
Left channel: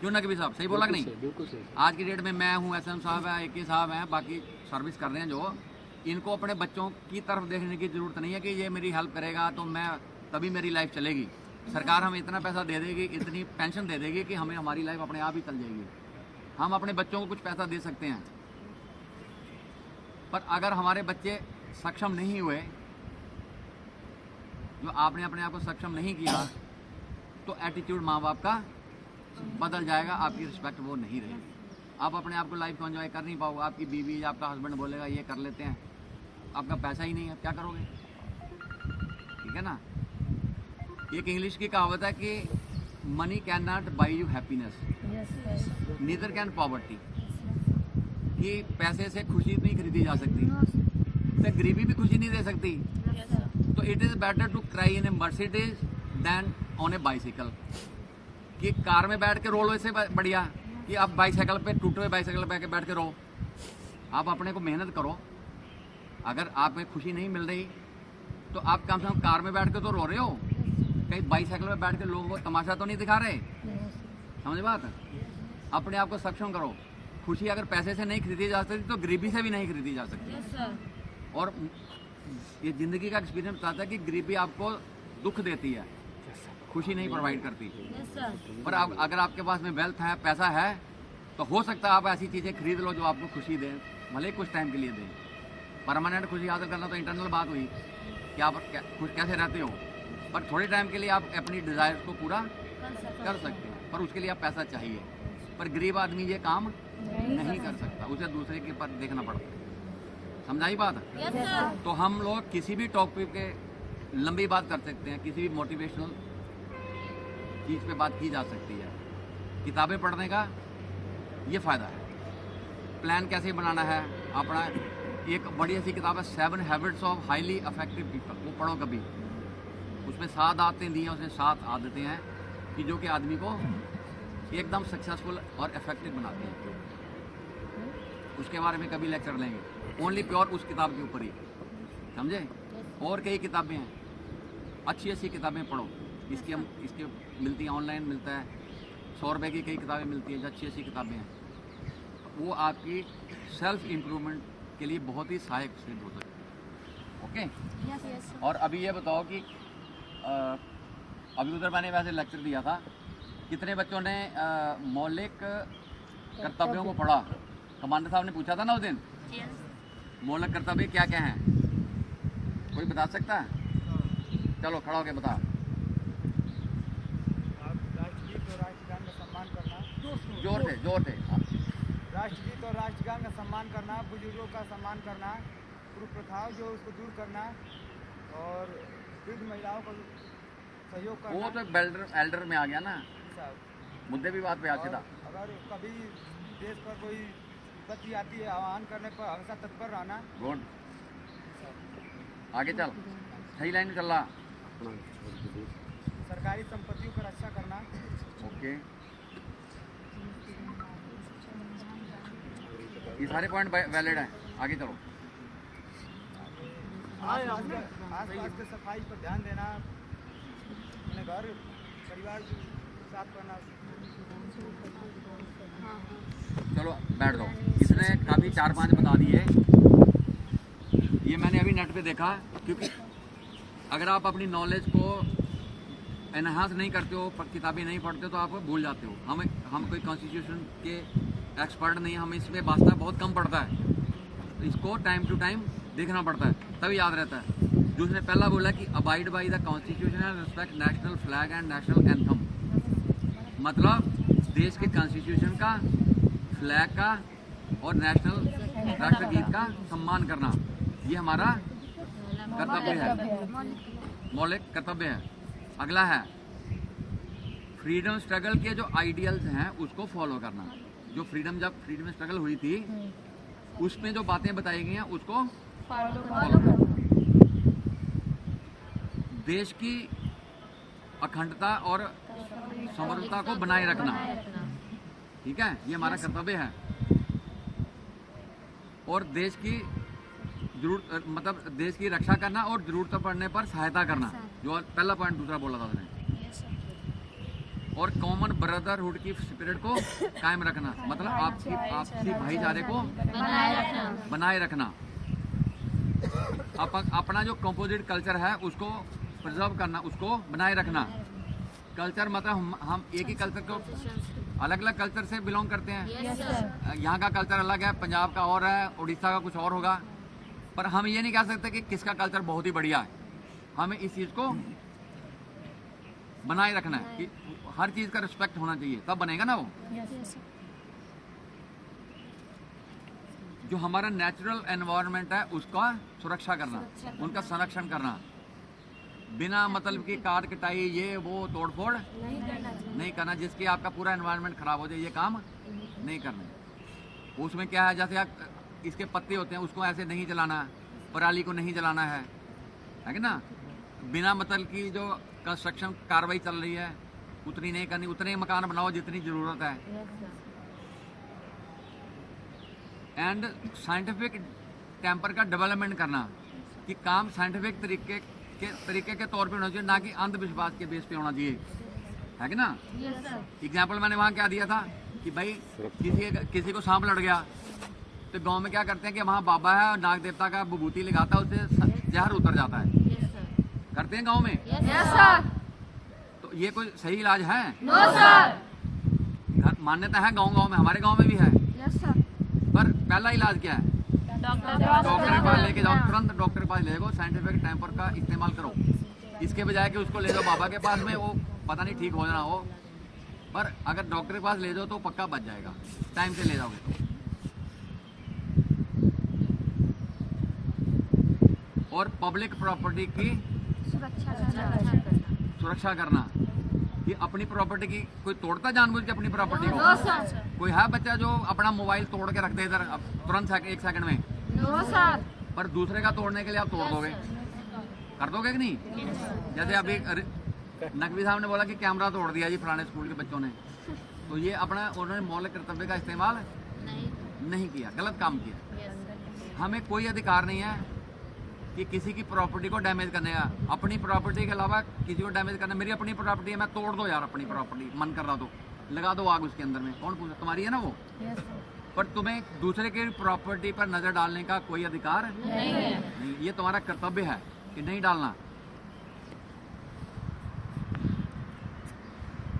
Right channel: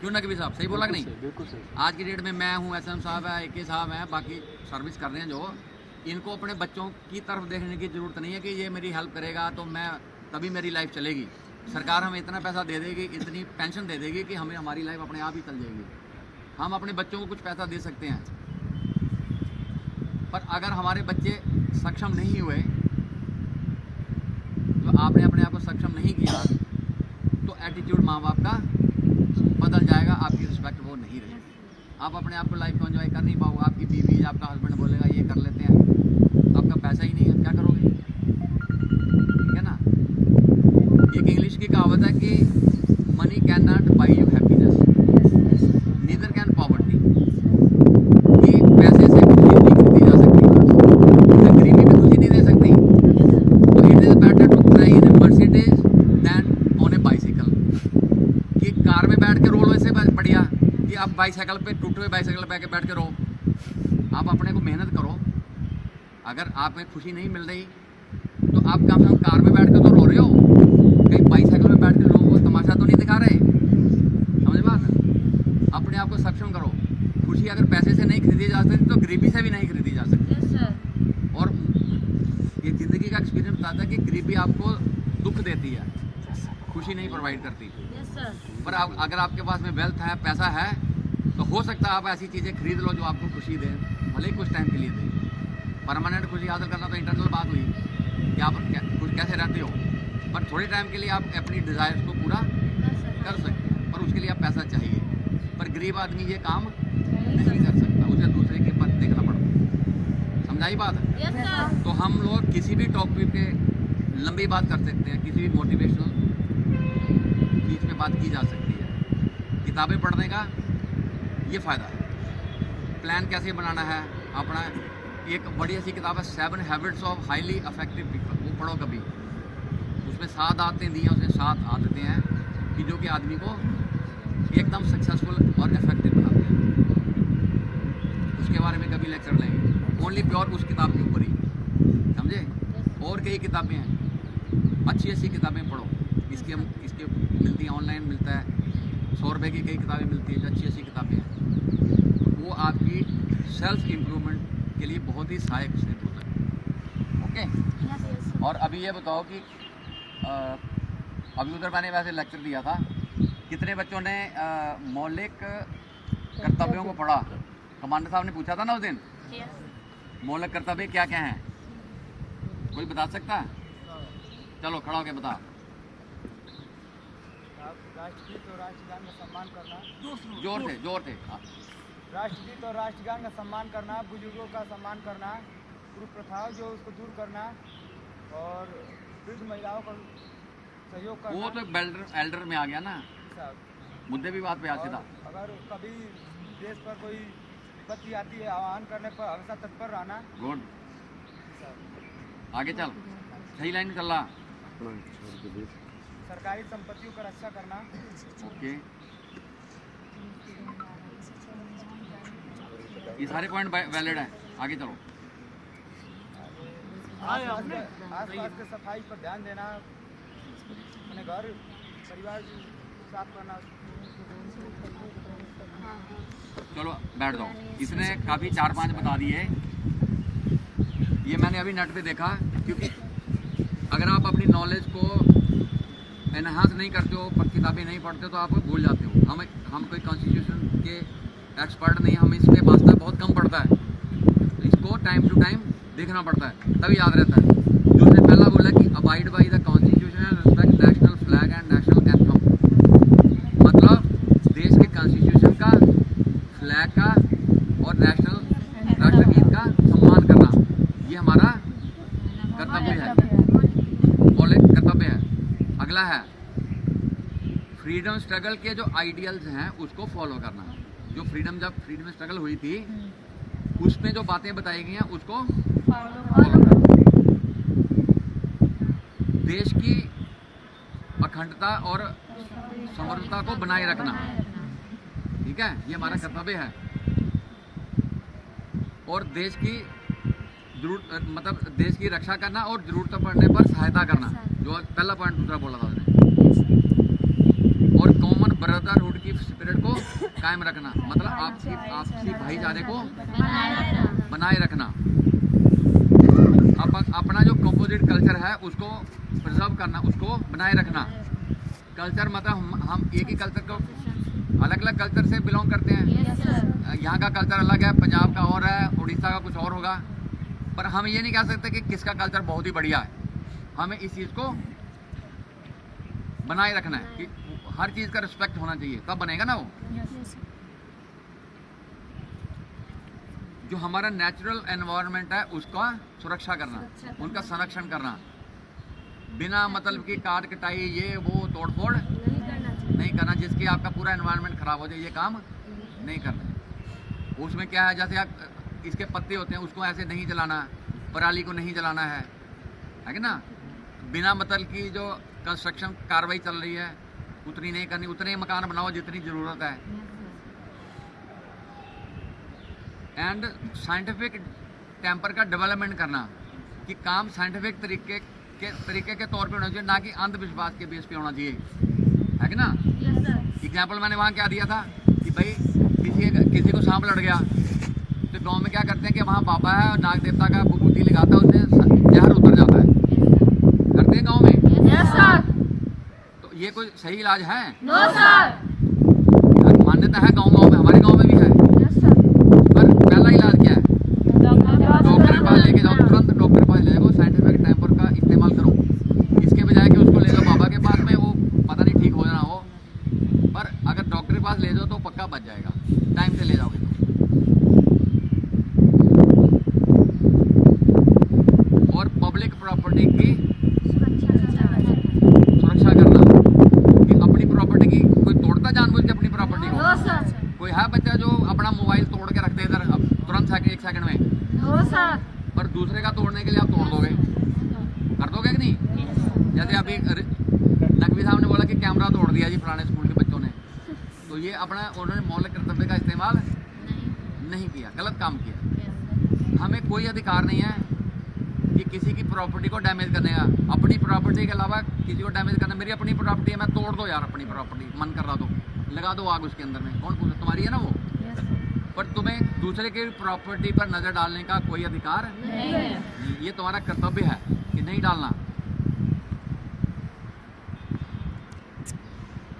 क्यों ना कभी साहब, सही बोला कि नहीं? बिल्कुल सही। आज की डेट में मैं हूँ, SM साहब है, AK साहब हैं, बाकी सर्विस कर रहे हैं जो, इनको अपने बच्चों की तरफ देखने की ज़रूरत नहीं है कि ये मेरी हेल्प करेगा तो मैं तभी मेरी लाइफ चलेगी। सरकार हमें इतना पैसा दे देगी, इतनी पेंशन दे देगी कि हमें हमारी लाइफ अपने आप ही चल जाएगी। हम अपने बच्चों को कुछ पैसा दे सकते हैं, पर अगर हमारे बच्चे सक्षम नहीं हुए, जो आपने अपने आप को सक्षम नहीं किया, तो एटीट्यूड माँ बाप का बदल जाएगा, आपकी रिस्पेक्ट वो नहीं रहेगी। आप अपने आप को लाइफ को एंजॉय कर नहीं पाओगे। आपकी बीवी, आपका हस्बैंड बोलेगा ये कर लेते हैं, आपका पैसा ही नहीं है, क्या करोगे? ठीक है ना? एक इंग्लिश की कहावत है कि money can not by you happiness, neither can poverty. कि पैसे से खुशी नहीं खरीदी जा सकती, तो गरीबी भी खुशी नहीं दे सकती। तो it is better to cry in a Mercedes than on a bicycle. कि कार में बैठ के रो लो, इससे बढ़िया कि आप बाइसाइकिल पे, टूटे हुए बाइसाइकिल पे बैठ के रो। आप अपने को मेहनत करो। अगर आप में खुशी नहीं मिल रही तो आप कम से कम कार में बैठ के तो रो रहे हो, कहीं बाइसाइकिल में बैठ के लोगों को तमाशा तो नहीं दिखा रहे। समझ बात? अपने आप को सक्षम करो। खुशी अगर पैसे से नहीं खरीदी जा सकती तो गरीबी से भी नहीं खरीदी जा सकती। और ये ज़िंदगी का एक्सपीरियंस बताता है कि गरीबी आपको दुख देती है, खुशी नहीं प्रोवाइड करती। पर अगर आपके पास में वेल्थ है, पैसा है, तो हो सकता है आप ऐसी चीज़ें खरीद लो जो आपको खुशी दें, भले ही कुछ टाइम के लिए दें। परमानेंट खुशी हासिल करना तो इंटरनल बात हुई कि आप खुश कैसे रहते हो, पर थोड़े टाइम के लिए आप अपनी डिज़ायर्स को पूरा कर सकते हैं, पर उसके लिए आप पैसा चाहिए। पर गरीब आदमी ये काम नहीं कर सकता, उसे दूसरे के पर देखना पड़ता है। समझाई बात? तो हम लोग किसी भी टॉपिक पे लंबी बात कर सकते हैं, किसी भी मोटिवेशनल चीज़ पे बात की जा सकती है। किताबें पढ़ने का ये फ़ायदा है। प्लान कैसे बनाना है अपना, एक बड़ी ऐसी किताब है 7 habits of highly effective people, वो पढ़ो कभी। उसमें 7 आदतें दी हैं, उसमें 7 आदतें हैं कि जो कि आदमी को एकदम सक्सेसफुल और इफेक्टिव बनाते हैं। उसके बारे में कभी लेक्चर लेंगे, ओनली प्योर उस किताब के ऊपर ही, समझे? और कई किताबें हैं, अच्छी अच्छी किताबें पढ़ो। इसके मिलती हैं, ऑनलाइन मिलता है, 100 रुपये की कई किताबें मिलती हैं, जो अच्छी अच्छी किताबें हैं। वो आपकी सेल्फ इम्प्रूवमेंट के लिए बहुत ही सहायक सिद्ध हो सकती है। ओके? और अभी ये बताओ कि अभी उधर मैंने वैसे लेक्चर दिया था, कितने बच्चों ने मौलिक कर्तव्यों को पढ़ा? कमांडर साहब ने पूछा था ना उस दिन, मौलिक कर्तव्य क्या क्या हैं? कोई बता सकता है? चलो खड़ा होके बताओ। राष्ट्रगीत और राष्ट्रगान का सम्मान करना, जोर से। राष्ट्रगीत और राष्ट्रगान का सम्मान करना, बुजुर्गों का सम्मान करना, पूर्व प्रथाओं जो उसको दूर करना, और वृद्ध महिलाओं का सहयोग करना। वो तो एल्डर में आ गया ना, मुद्दे भी बात पे आते था। अगर कभी देश पर कोई विपत्ति आती है, आह्वान करने पर हमेशा तत्पर रहना। गुड, आगे चल, सही लाइन में चल रहा। सरकारी संपत्तियों का रक्षा करना। ओके, ये सारे पॉइंट वैलिड हैं, आगे चलो। आसपास के सफाई पर ध्यान देना, अपने घर परिवार साफ करना। चलो बैठ जाओ। इसने काफ़ी 4-5 बता दिए। ये मैंने अभी नेट पे देखा, क्योंकि अगर आप अपनी नॉलेज को एनहांस नहीं करते हो, पर किताबें नहीं पढ़ते तो आप भूल जाते हो। हम कोई कॉन्स्टिट्यूशन के एक्सपर्ट नहीं, हम इस पे वास्ता बहुत कम पड़ता है, तो इसको टाइम टू टाइम देखना पड़ता है, तभी याद रहता है। जो उसने पहला बोला कि abide by the constitution and respect national flag and national anthem, मतलब देश के कॉन्स्टिट्यूशन का, फ्लैग का और नेशनल राष्ट्रगीत का सम्मान करना, ये हमारा कर्तव्य है, मौलिक कर्तव्य है। अगला है फ्रीडम स्ट्रगल के जो आइडियल्स हैं उसको फॉलो करना। जो जब फ्रीडम स्ट्रगल हुई थी, उसमें जो बातें बताई गई हैं उसको फॉलो करना। देश की अखंडता और समग्रता को बनाए रखना। ठीक है, ये हमारा कर्तव्य है। और देश की जरूरत मतलब देश की रक्षा करना और जरूरत पड़ने पर सहायता करना, जो पहला पॉइंट दूसरा बोला था उसने। और कॉमन ब्रदरहुड की स्पिरिट को कायम रखना, मतलब आपसी भाईचारे को बनाए रखना। अपना जो कंपोजिट कल्चर है उसको प्रिजर्व करना, उसको बनाए रखना। कल्चर मतलब हम एक ही कल्चर को, अलग अलग कल्चर से बिलोंग करते हैं। यहाँ का कल्चर अलग है, पंजाब का और है, उड़ीसा का कुछ और होगा, पर हम ये नहीं कह सकते कि किसका कल्चर बहुत ही बढ़िया है। हमें इस चीज़ को बनाए रखना है कि हर चीज़ का रिस्पेक्ट होना चाहिए, तब बनेगा ना वो। जो हमारा नेचुरल एनवायरनमेंट है उसका सुरक्षा करना, उनका संरक्षण करना, बिना मतलब की काट कटाई ये वो तोड़ फोड़ नहीं करना, जिसकी आपका पूरा एनवायरनमेंट खराब हो जाए, ये काम नहीं करना है। उसमें क्या है, जैसे आप इसके पत्ते होते हैं उसको ऐसे नहीं जलाना, पराली को नहीं जलाना है कि ना। बिना मतलब की जो कंस्ट्रक्शन कार्रवाई चल रही है उतनी नहीं करनी, उतने मकान बनाओ जितनी ज़रूरत है। एंड साइंटिफिक टेम्पर का डेवलपमेंट करना, कि काम साइंटिफिक तरीके के तौर पे होना चाहिए, ना कि अंधविश्वास के बेस पे होना चाहिए, है कि ना। एग्जाम्पल मैंने वहाँ क्या दिया था कि भाई किसी को सांप लड़ गया तो गांव में क्या करते हैं कि वहाँ बाबा है और नाग देवता का विभूति लगाता है, उससे जहर उतर जाता है, करते हैं गाँव में। तो ये कोई सही इलाज है? मान्यता है गाँव में, हमारे गाँव में भी है, पर पहला इलाज क्या है? डॉक्टर के पास लेके जाओ, तुरंत डॉक्टर के पास ले जाओ, साइंटिफिक टेम्पर का इस्तेमाल करो, इसके बजाय कि उसको ले जाओ बाबा के पास में, वो पता नहीं ठीक हो जाना हो, पर अगर डॉक्टर के पास ले जाओ तो पक्का बच जाएगा, टाइम से ले जाओगे तो। और पब्लिक प्रॉपर्टी की सुरक्षा करना, कि अपनी प्रॉपर्टी की कोई तोड़ता जानबूझ के अपनी प्रॉपर्टी को? कोई है बच्चा जो अपना मोबाइल तोड़ के रख दे इधर अब तुरंत एक सेकंड में? पर दूसरे का तोड़ने के लिए आप तोड़ दोगे, कर दोगे कि नहीं? जैसे अभी नकवी साहब ने बोला कि कैमरा तोड़ दिया जी पुराने स्कूल के बच्चों ने, तो ये अपना उन्होंने मौलिक कर्तव्य का इस्तेमाल नहीं किया, गलत काम किया। हमें कोई अधिकार नहीं है कि किसी की प्रॉपर्टी को डैमेज करने का, अपनी प्रॉपर्टी के अलावा किसी को डैमेज करना। मेरी अपनी प्रॉपर्टी है, मैं तोड़ दो यार अपनी प्रॉपर्टी, मन कर रहा तो लगा दो आग उसके अंदर में, कौन पूछा? तुम्हारी है ना वो। पर तुम्हें दूसरे की प्रॉपर्टी पर नजर डालने का कोई अधिकार नहीं, ये तुम्हारा कर्तव्य है कि नहीं डालना।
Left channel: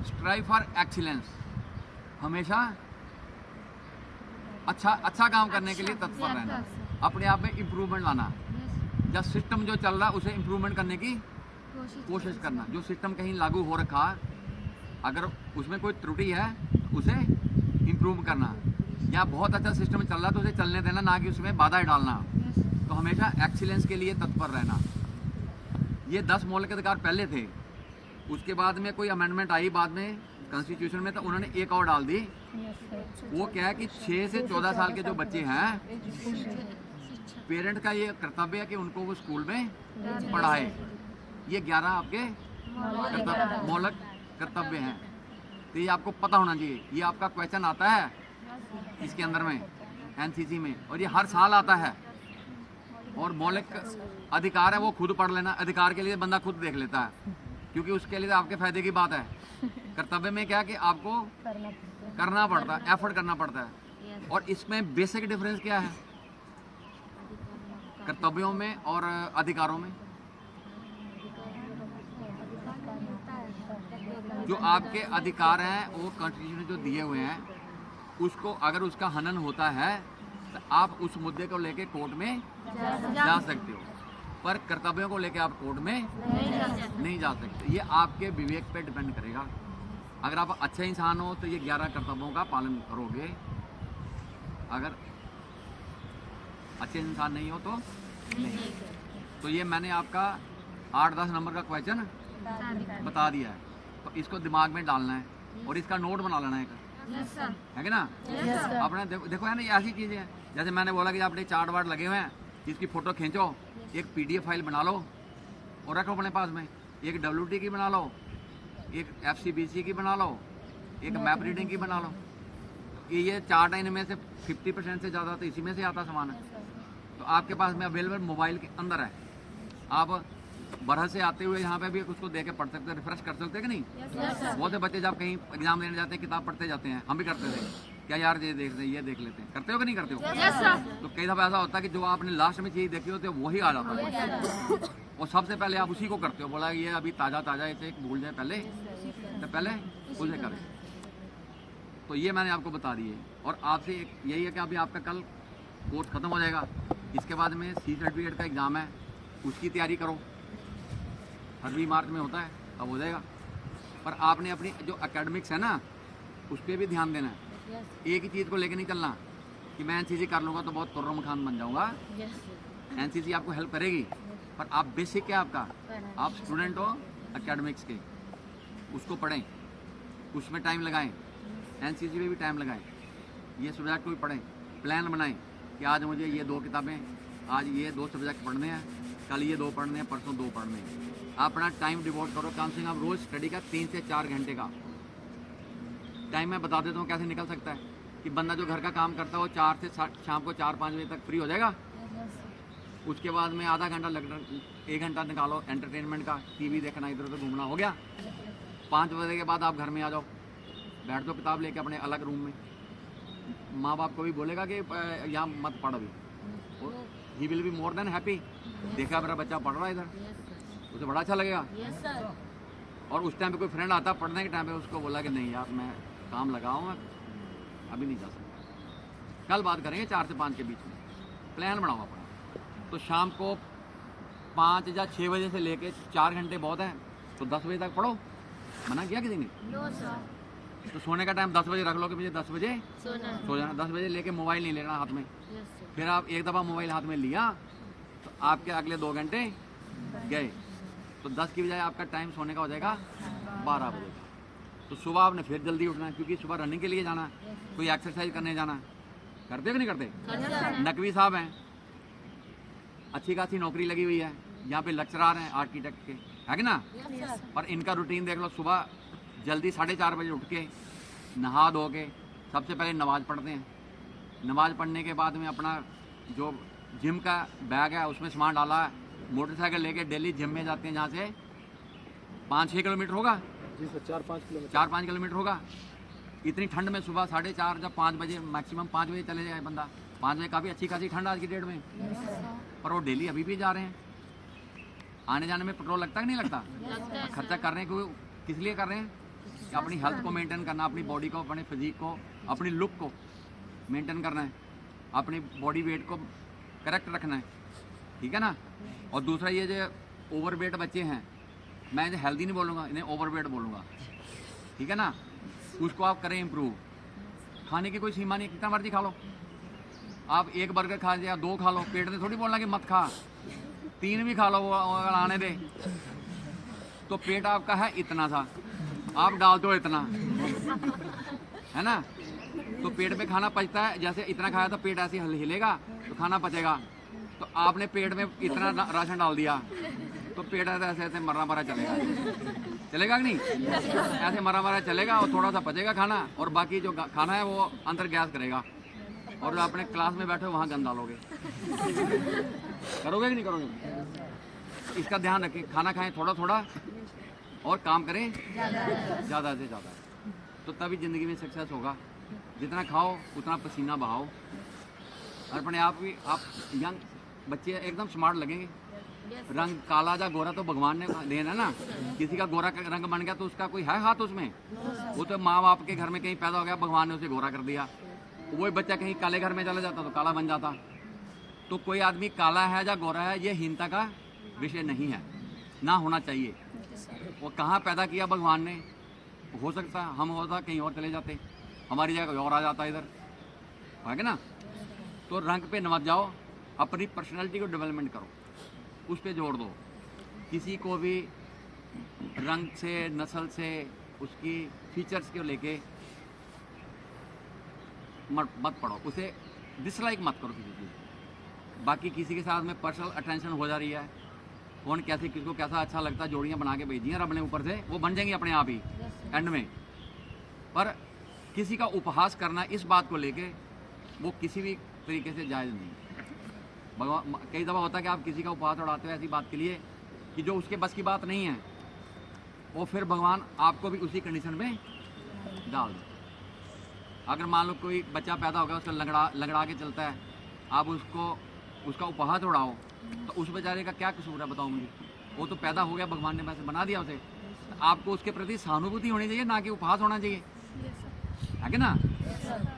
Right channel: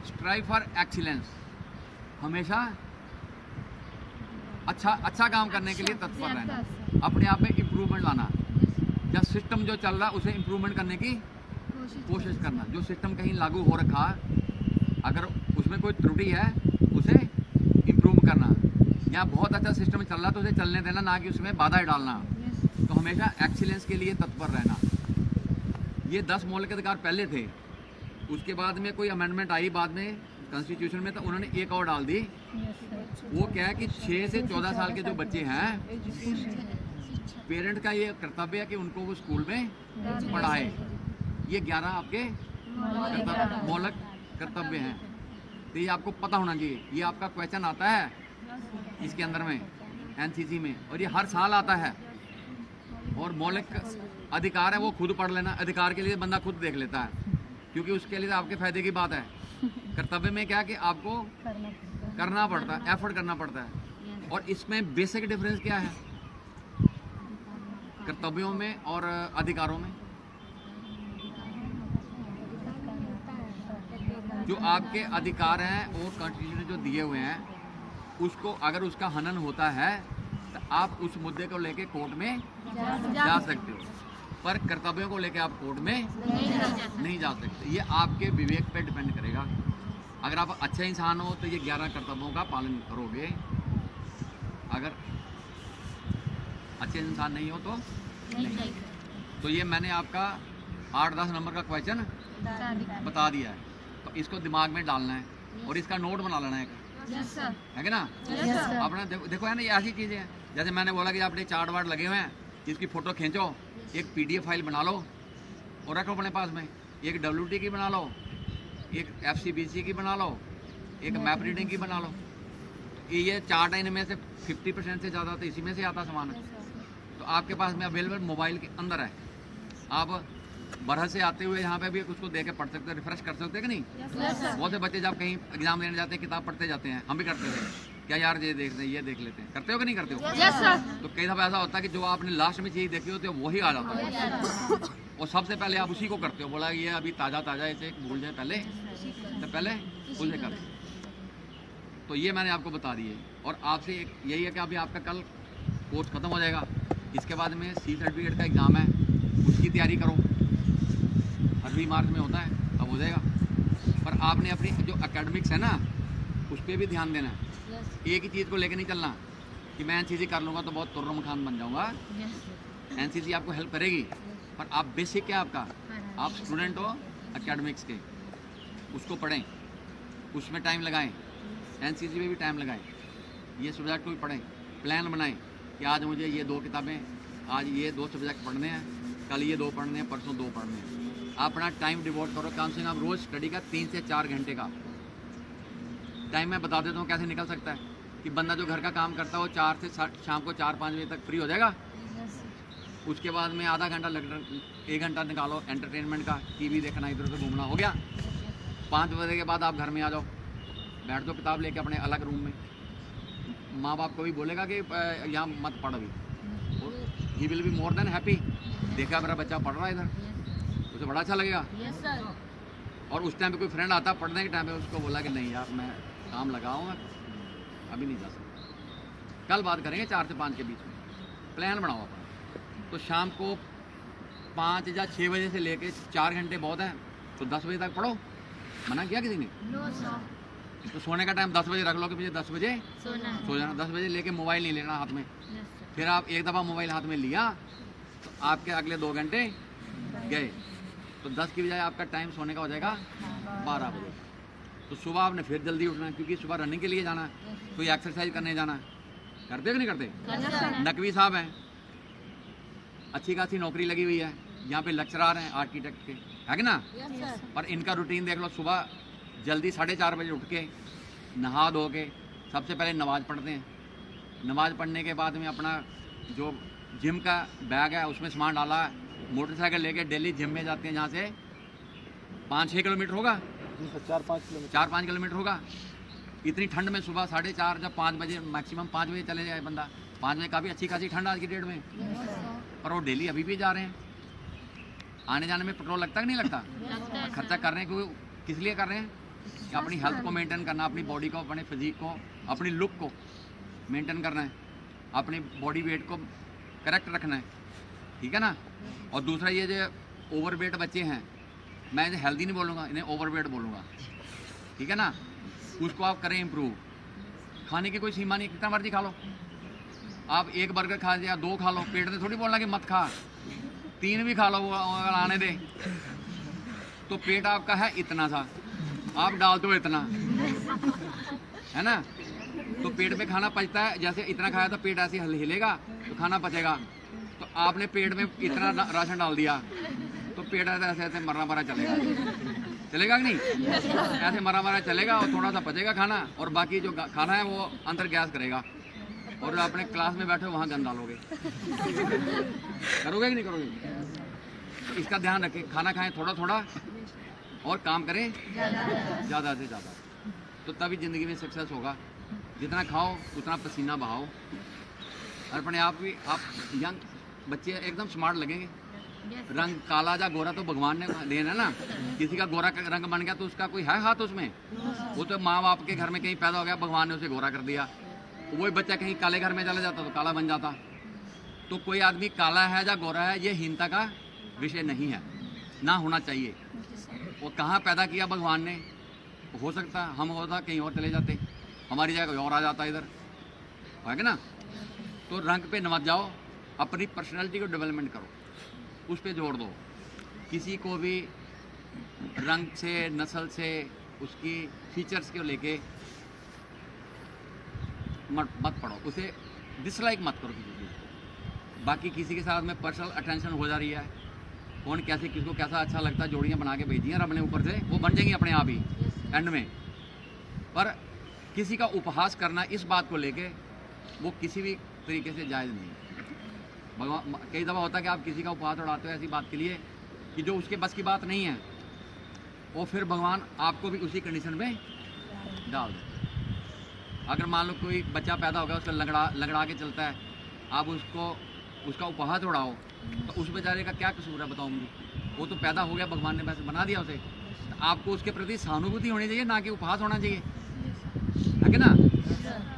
स्ट्राइव फॉर एक्सीलेंस, हमेशा अच्छा काम करने के लिए तत्पर रहना, अपने आप में इम्प्रूवमेंट लाना। जब सिस्टम जो चल रहा है उसे इम्प्रूवमेंट करने की कोशिश करना। जो सिस्टम कहीं लागू हो रखा, अगर उसमें कोई त्रुटि है तो उसे इम्प्रूव करना, या बहुत अच्छा सिस्टम चल रहा है तो उसे चलने देना, ना कि उसमें बाधा डालना। तो हमेशा एक्सीलेंस के लिए तत्पर रहना। ये 10 मौलिक अधिकार पहले थे, उसके बाद में कोई अमेंडमेंट आई बाद में कॉन्स्टिट्यूशन में, तो उन्होंने एक और डाल दी। वो क्या है कि 6 से 14 साल के जो बच्चे हैं, पेरेंट का ये कर्तव्य है कि उनको वो स्कूल में पढ़ाए। ये 11 आपके मौलिक कर्तव्य हैं, तो ये आपको पता होना चाहिए। ये आपका क्वेश्चन आता है इसके अंदर में एनसीसी में, और ये हर साल आता है। और मौलिक अधिकार है वो खुद पढ़ लेना, अधिकार के लिए बंदा खुद देख लेता है, क्योंकि उसके लिए आपके फायदे की बात है। कर्तव्य में क्या कि आपको करना पड़ता है, एफर्ट करना पड़ता है। और इसमें बेसिक डिफरेंस क्या है कर्तव्यों में और अधिकारों में? जो आपके अधिकार हैं वो कॉन्स्टिट्यूशन ने जो दिए हुए हैं, उसको अगर उसका हनन होता है तो आप उस मुद्दे को लेके कोर्ट में जा सकते हो, पर कर्तव्यों को लेके आप कोर्ट में नहीं जा सकते। ये आपके विवेक पे डिपेंड करेगा। अगर आप अच्छे इंसान हो तो ये 11 कर्तव्यों का पालन करोगे, अगर अच्छे इंसान नहीं हो तो नहीं। तो ये मैंने आपका 8-10 नंबर का क्वेश्चन बता दिया है, तो इसको दिमाग में डालना है और इसका नोट बना लेना है, है कि ना। आपने देखो है ना, ये ऐसी चीज़ें हैं, जैसे मैंने बोला कि आपने चार्ट वार्ट लगे हुए हैं, इसकी फ़ोटो खींचो, एक PDF फाइल बना लो और रखो अपने पास में, एक WT की बना लो एक FCBC की बना लो, एक मैप रीडिंग की बना लो। तो ये 4 इनमें से 50% से ज़्यादा तो इसी में से आता सामान है। तो आपके पास में अवेलेबल मोबाइल के अंदर है। आप बरह से आते हुए यहाँ पे भी उसको देख के पढ़ सकते हो, रिफ्रेश कर सकते हो कि नहीं? बहुत से बच्चे जब कहीं एग्जाम देने जाते हैं किताब पढ़ते जाते हैं, हम भी करते थे, क्या यार ये देख लेते हैं, करते हो कि नहीं करते हो? तो कई दफ़ा ऐसा होता है कि जो आपने लास्ट में चीज़ देखी होती है वही आ जाता है क्वेश्चन, और सबसे पहले आप उसी को करते हो। बोला ये अभी ताज़ा इसे भूल जाए पहले, तो पहले उसे करें। तो ये मैंने आपको बता दी है। और आपसे यही है कि अभी आपका कल कोर्स ख़त्म हो जाएगा, इसके बाद में C सर्टिफिकेट का एग्ज़ाम है, उसकी तैयारी करो। फरवरी मार्च में होता है, अब हो जाएगा। पर आपने अपनी जो एकेडमिक्स है ना, उस पर भी ध्यान देना है। एक ही चीज़ को लेकर नहीं चलना कि मैं NCC कर लूँगा तो बहुत तुर्रम खान बन जाऊँगा। NCC आपको हेल्प करेगी, पर आप बेसिक क्या आपका, आप स्टूडेंट हो एकेडमिक्स के, उसको पढ़ें, उसमें टाइम लगाएं, NCC में भी टाइम लगाएं, ये सब्जेक्ट को भी पढ़ें, प्लान बनाएं कि आज मुझे ये 2 किताबें, आज ये 2 सब्जेक्ट पढ़ने हैं, कल ये 2 पढ़ने हैं, परसों 2 पढ़ने हैं। आप अपना टाइम डिवोट करो, कम से कम आप रोज़ स्टडी का 3 से 4 घंटे का टाइम मैं बता देता हूँ कैसे निकल सकता है। कि बंदा जो घर का काम करता है वो 4 से शाम को 4-5 बजे तक फ्री हो जाएगा। उसके बाद में आधा घंटा 1 घंटा निकालो एंटरटेनमेंट का, TV देखना, इधर उधर घूमना, हो गया। 5 बजे के बाद आप घर में आ जाओ, बैठ दो किताब लेके अपने अलग रूम में। माँ बाप को भी बोलेगा कि यहाँ मत पढ़ अभी, he will be more than happy. देखा मेरा बच्चा पढ़ रहा है इधर, उसे बड़ा अच्छा लगेगा। और उस टाइम पे कोई फ्रेंड आता पढ़ने के टाइम पे, उसको बोला कि नहीं यार मैं काम लगा हूँ, मैं अभी नहीं जा सकता, कल बात करेंगे 4 से 5 के बीच में। प्लान बनाओ अपना। तो शाम को 5 या 6 बजे से लेके 4 घंटे बहुत है, तो 10 बजे तक पढ़ो। मना किया किसी ने? तो सोने का टाइम 10 बजे रख लो कि मुझे 10 बजे सो जाना। 10 बजे लेके मोबाइल नहीं लेना हाथ में। फिर आप एक दफ़ा मोबाइल हाथ में लिया तो आपके अगले 2 घंटे गए। तो 10 की बजाय आपका टाइम सोने का हो जाएगा 12 बजे का। तो सुबह आपने फिर जल्दी उठना है, क्योंकि सुबह रनिंग के लिए जाना है, कोई एक्सरसाइज करने जाना है। करते हो कि नहीं करते? नकवी साहब हैं, अच्छी खासी नौकरी लगी हुई है, यहाँ पे लेक्चरर हैं आर्किटेक्ट के, है कि ना? पर इनका रूटीन देख लो, सुबह जल्दी 4:30 बजे उठ के नहा धो के सबसे पहले नमाज़ पढ़ते हैं। नमाज़ पढ़ने के बाद में अपना जो जिम का बैग है उसमें सामान डाला है, मोटरसाइकिल लेके डेली जिम में जाते हैं, जहाँ से 5-6 किलोमीटर होगा, 4-5 किलोमीटर होगा। इतनी ठंड में सुबह 4:30 जब 5 बजे, मैक्सिमम 5 बजे चले जाए बंदा, 5 बजे काफ़ी अच्छी खासी ठंड आज की डेट में, पर वो डेली अभी भी जा रहे हैं। आने जाने में पेट्रोल लगता है कि नहीं लगता? और खर्चा कर रहे हैं, क्योंकि किस लिए कर रहे हैं? कि अपनी हेल्थ को मेंटेन करना, अपनी बॉडी को, अपने फिजिक को, अपनी लुक को मेंटेन करना है, अपनी बॉडी वेट को करेक्ट रखना है, ठीक है ना? और दूसरा ये जो ओवरवेट बच्चे हैं, मैं इन्हें हेल्दी नहीं बोलूँगा, इन्हें ओवरवेट बोलूँगा, ठीक है ना? उसको आप करें इम्प्रूव। खाने की कोई सीमा नहीं, कितना मर्जी खा लो। आप 1 बर्गर खा या 2 खा लो, पेट में थोड़ी बोलना कि मत खा, 3 भी खा लो, वो अगर आने दे। तो पेट आपका है इतना सा, आप डाल दो इतना, है ना? तो पेट में खाना पचता है, जैसे इतना खाया तो पेट ऐसे हिलेगा तो खाना पचेगा। तो आपने पेट में इतना राशन डाल दिया तो पेट ऐसे ऐसे मरा चलेगा, चलेगा कि नहीं? ऐसे मरा चलेगा और थोड़ा सा पचेगा खाना, और बाकी जो खाना है वो अंदर गैस करेगा, और जो अपने क्लास में बैठे वहाँ गंद डालोगे। करोगे कि नहीं करोगे? तो इसका ध्यान रखें, खाना खाएं थोड़ा थोड़ा और काम करें ज़्यादा से ज़्यादा, तो तभी ज़िंदगी में सक्सेस होगा। जितना खाओ उतना पसीना बहाओ, और अपने आप भी आप यंग बच्चे एकदम स्मार्ट लगेंगे। रंग काला या गोरा तो भगवान ने देना है ना, किसी का गोरा का रंग बन गया तो उसका कोई है हाथ उसमें? वो तो माँ बाप के घर में कहीं पैदा हो गया, भगवान ने उसे गोरा कर दिया। वही बच्चा कहीं काले घर में चला जाता तो काला बन जाता। तो कोई आदमी काला है या गोरा है, ये हीनता का विषय नहीं है, ना होना चाहिए। वो कहाँ पैदा किया भगवान ने, हो सकता हम होता कहीं और चले जाते, हमारी जगह कोई और आ जाता इधर, है ना? तो रंग पे न मत जाओ, अपनी पर्सनैलिटी को डेवलपमेंट करो, उस पर जोड़ दो। किसी को भी रंग से, नस्ल से, उसकी फीचर्स को लेके मत पढ़ो, उसे डिसलाइक मत करो किसी चीज़ को। बाकी किसी के साथ में पर्सनल अटेंशन हो जा रही है, कौन कैसे किसको कैसा अच्छा लगता है, जोड़ियाँ बना के भेजी हैं रब ने ऊपर से, वो बन जाएंगी अपने आप ही एंड में। पर किसी का उपहास करना इस बात को लेके वो किसी भी तरीके से जायज़ नहीं। भगवान कई दफ़ा होता है कि आप किसी का उपहास उड़ाते हो ऐसी बात के लिए कि जो उसके बस की बात नहीं है, वो फिर भगवान आपको भी उसी कंडीशन में डाल देता है। अगर मान लो कोई बच्चा पैदा हो गया, उसका लंगड़ा के चलता है, आप उसका उपहास उड़ाओ तो उस बेचारे का क्या कसूर है बताओ मुझे? वो तो पैदा हो गया, भगवान ने वैसे बना दिया उसे। तो आपको उसके प्रति सहानुभूति होनी चाहिए, ना कि उपहास होना चाहिए, है कि ना?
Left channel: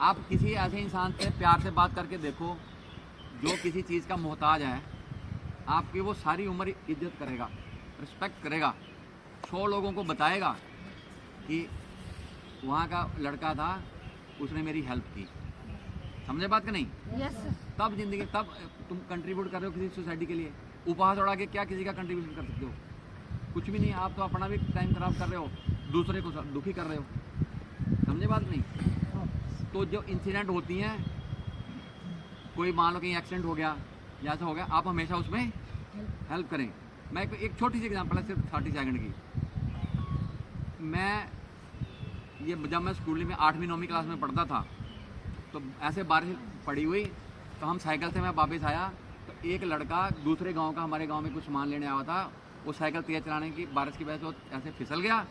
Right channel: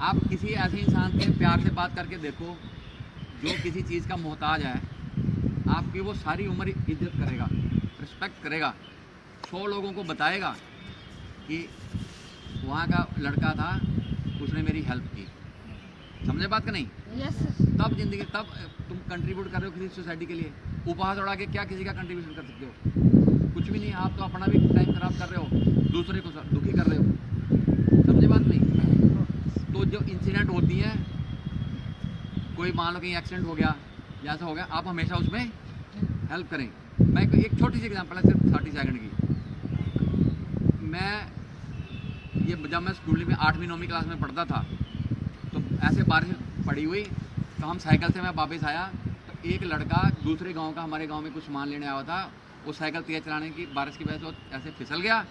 आप किसी ऐसे इंसान से प्यार से बात करके देखो जो किसी चीज़ का मोहताज है, आपकी वो सारी उम्र इज्जत करेगा, रिस्पेक्ट करेगा, 100 लोगों को बताएगा कि वहाँ का लड़का था, उसने मेरी हेल्प की। समझे बात का नहीं? तब जिंदगी, तब तुम कंट्रीब्यूट कर रहे हो किसी सोसाइटी के लिए। उपहास उड़ा के क्या किसी का कंट्रीब्यूशन कर सकते हो? कुछ भी नहीं। आप तो अपना भी टाइम खराब कर रहे हो, दूसरे को दुखी कर रहे हो। समझे बात नहीं? तो जो इंसिडेंट होती हैं, कोई मान लो कहीं एक्सीडेंट हो गया या ऐसा हो गया, आप हमेशा उसमें हेल्प करें। मैं एक छोटी सी एग्जांपल है, सिर्फ 30 सेकंड की। जब मैं स्कूल में 8वीं 9वीं क्लास में पढ़ता था, तो ऐसे बारिश पड़ी हुई, तो हम साइकिल से मैं वापस आया, तो एक लड़का दूसरे गांव का हमारे गांव में कुछ सामान लेने आया था। वो साइकिल तेज चलाने की बारिश की वजह से वो ऐसे फिसल गया,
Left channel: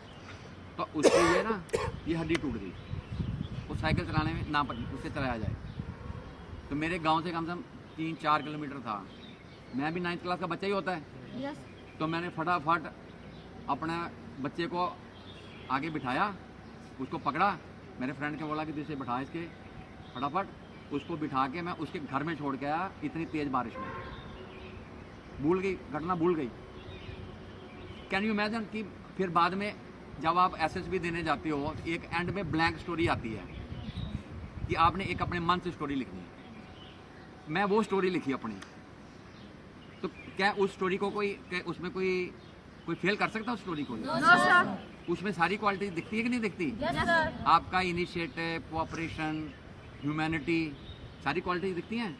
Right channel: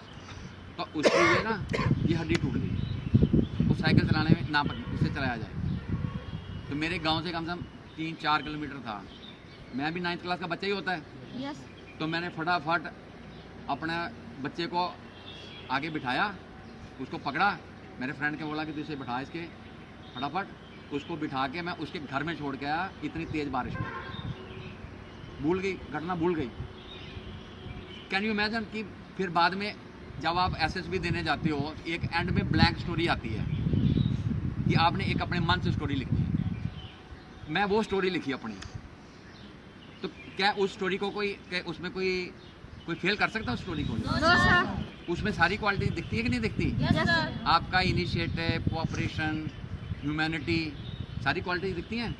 तो उसकी ये हड्डी टूट गई। वो साइकिल चलाने में ना उससे चलाया जाए। तो मेरे गांव से कम से कम 3-4 किलोमीटर था। मैं भी 9th क्लास का बच्चा ही होता है। तो मैंने फटाफट अपने बच्चे को आगे बिठाया, उसको पकड़ा, मेरे फ्रेंड के बोला कि तू इसे बिठा, इसके फटाफट उसको बिठा के मैं उसके घर में छोड़ के आया इतनी तेज़ बारिश में। भूल गई, घटना भूल गई। कैन यू इमेजिन कि फिर बाद में जब आप एसएसबी देने जाते हो, एक एंड में ब्लैंक स्टोरी आती है कि आपने एक अपने मन से स्टोरी लिखी। मैं वो स्टोरी लिखी अपनी, तो क्या उस स्टोरी को उसमें कोई फेल कर सकता है उस स्टोरी को? उसमें सारी क्वालिटी दिखती है कि नहीं दिखती? आपका इनिशिएटिव, कोऑपरेशन, ह्यूमैनिटी, सारी क्वालिटी दिखती हैं।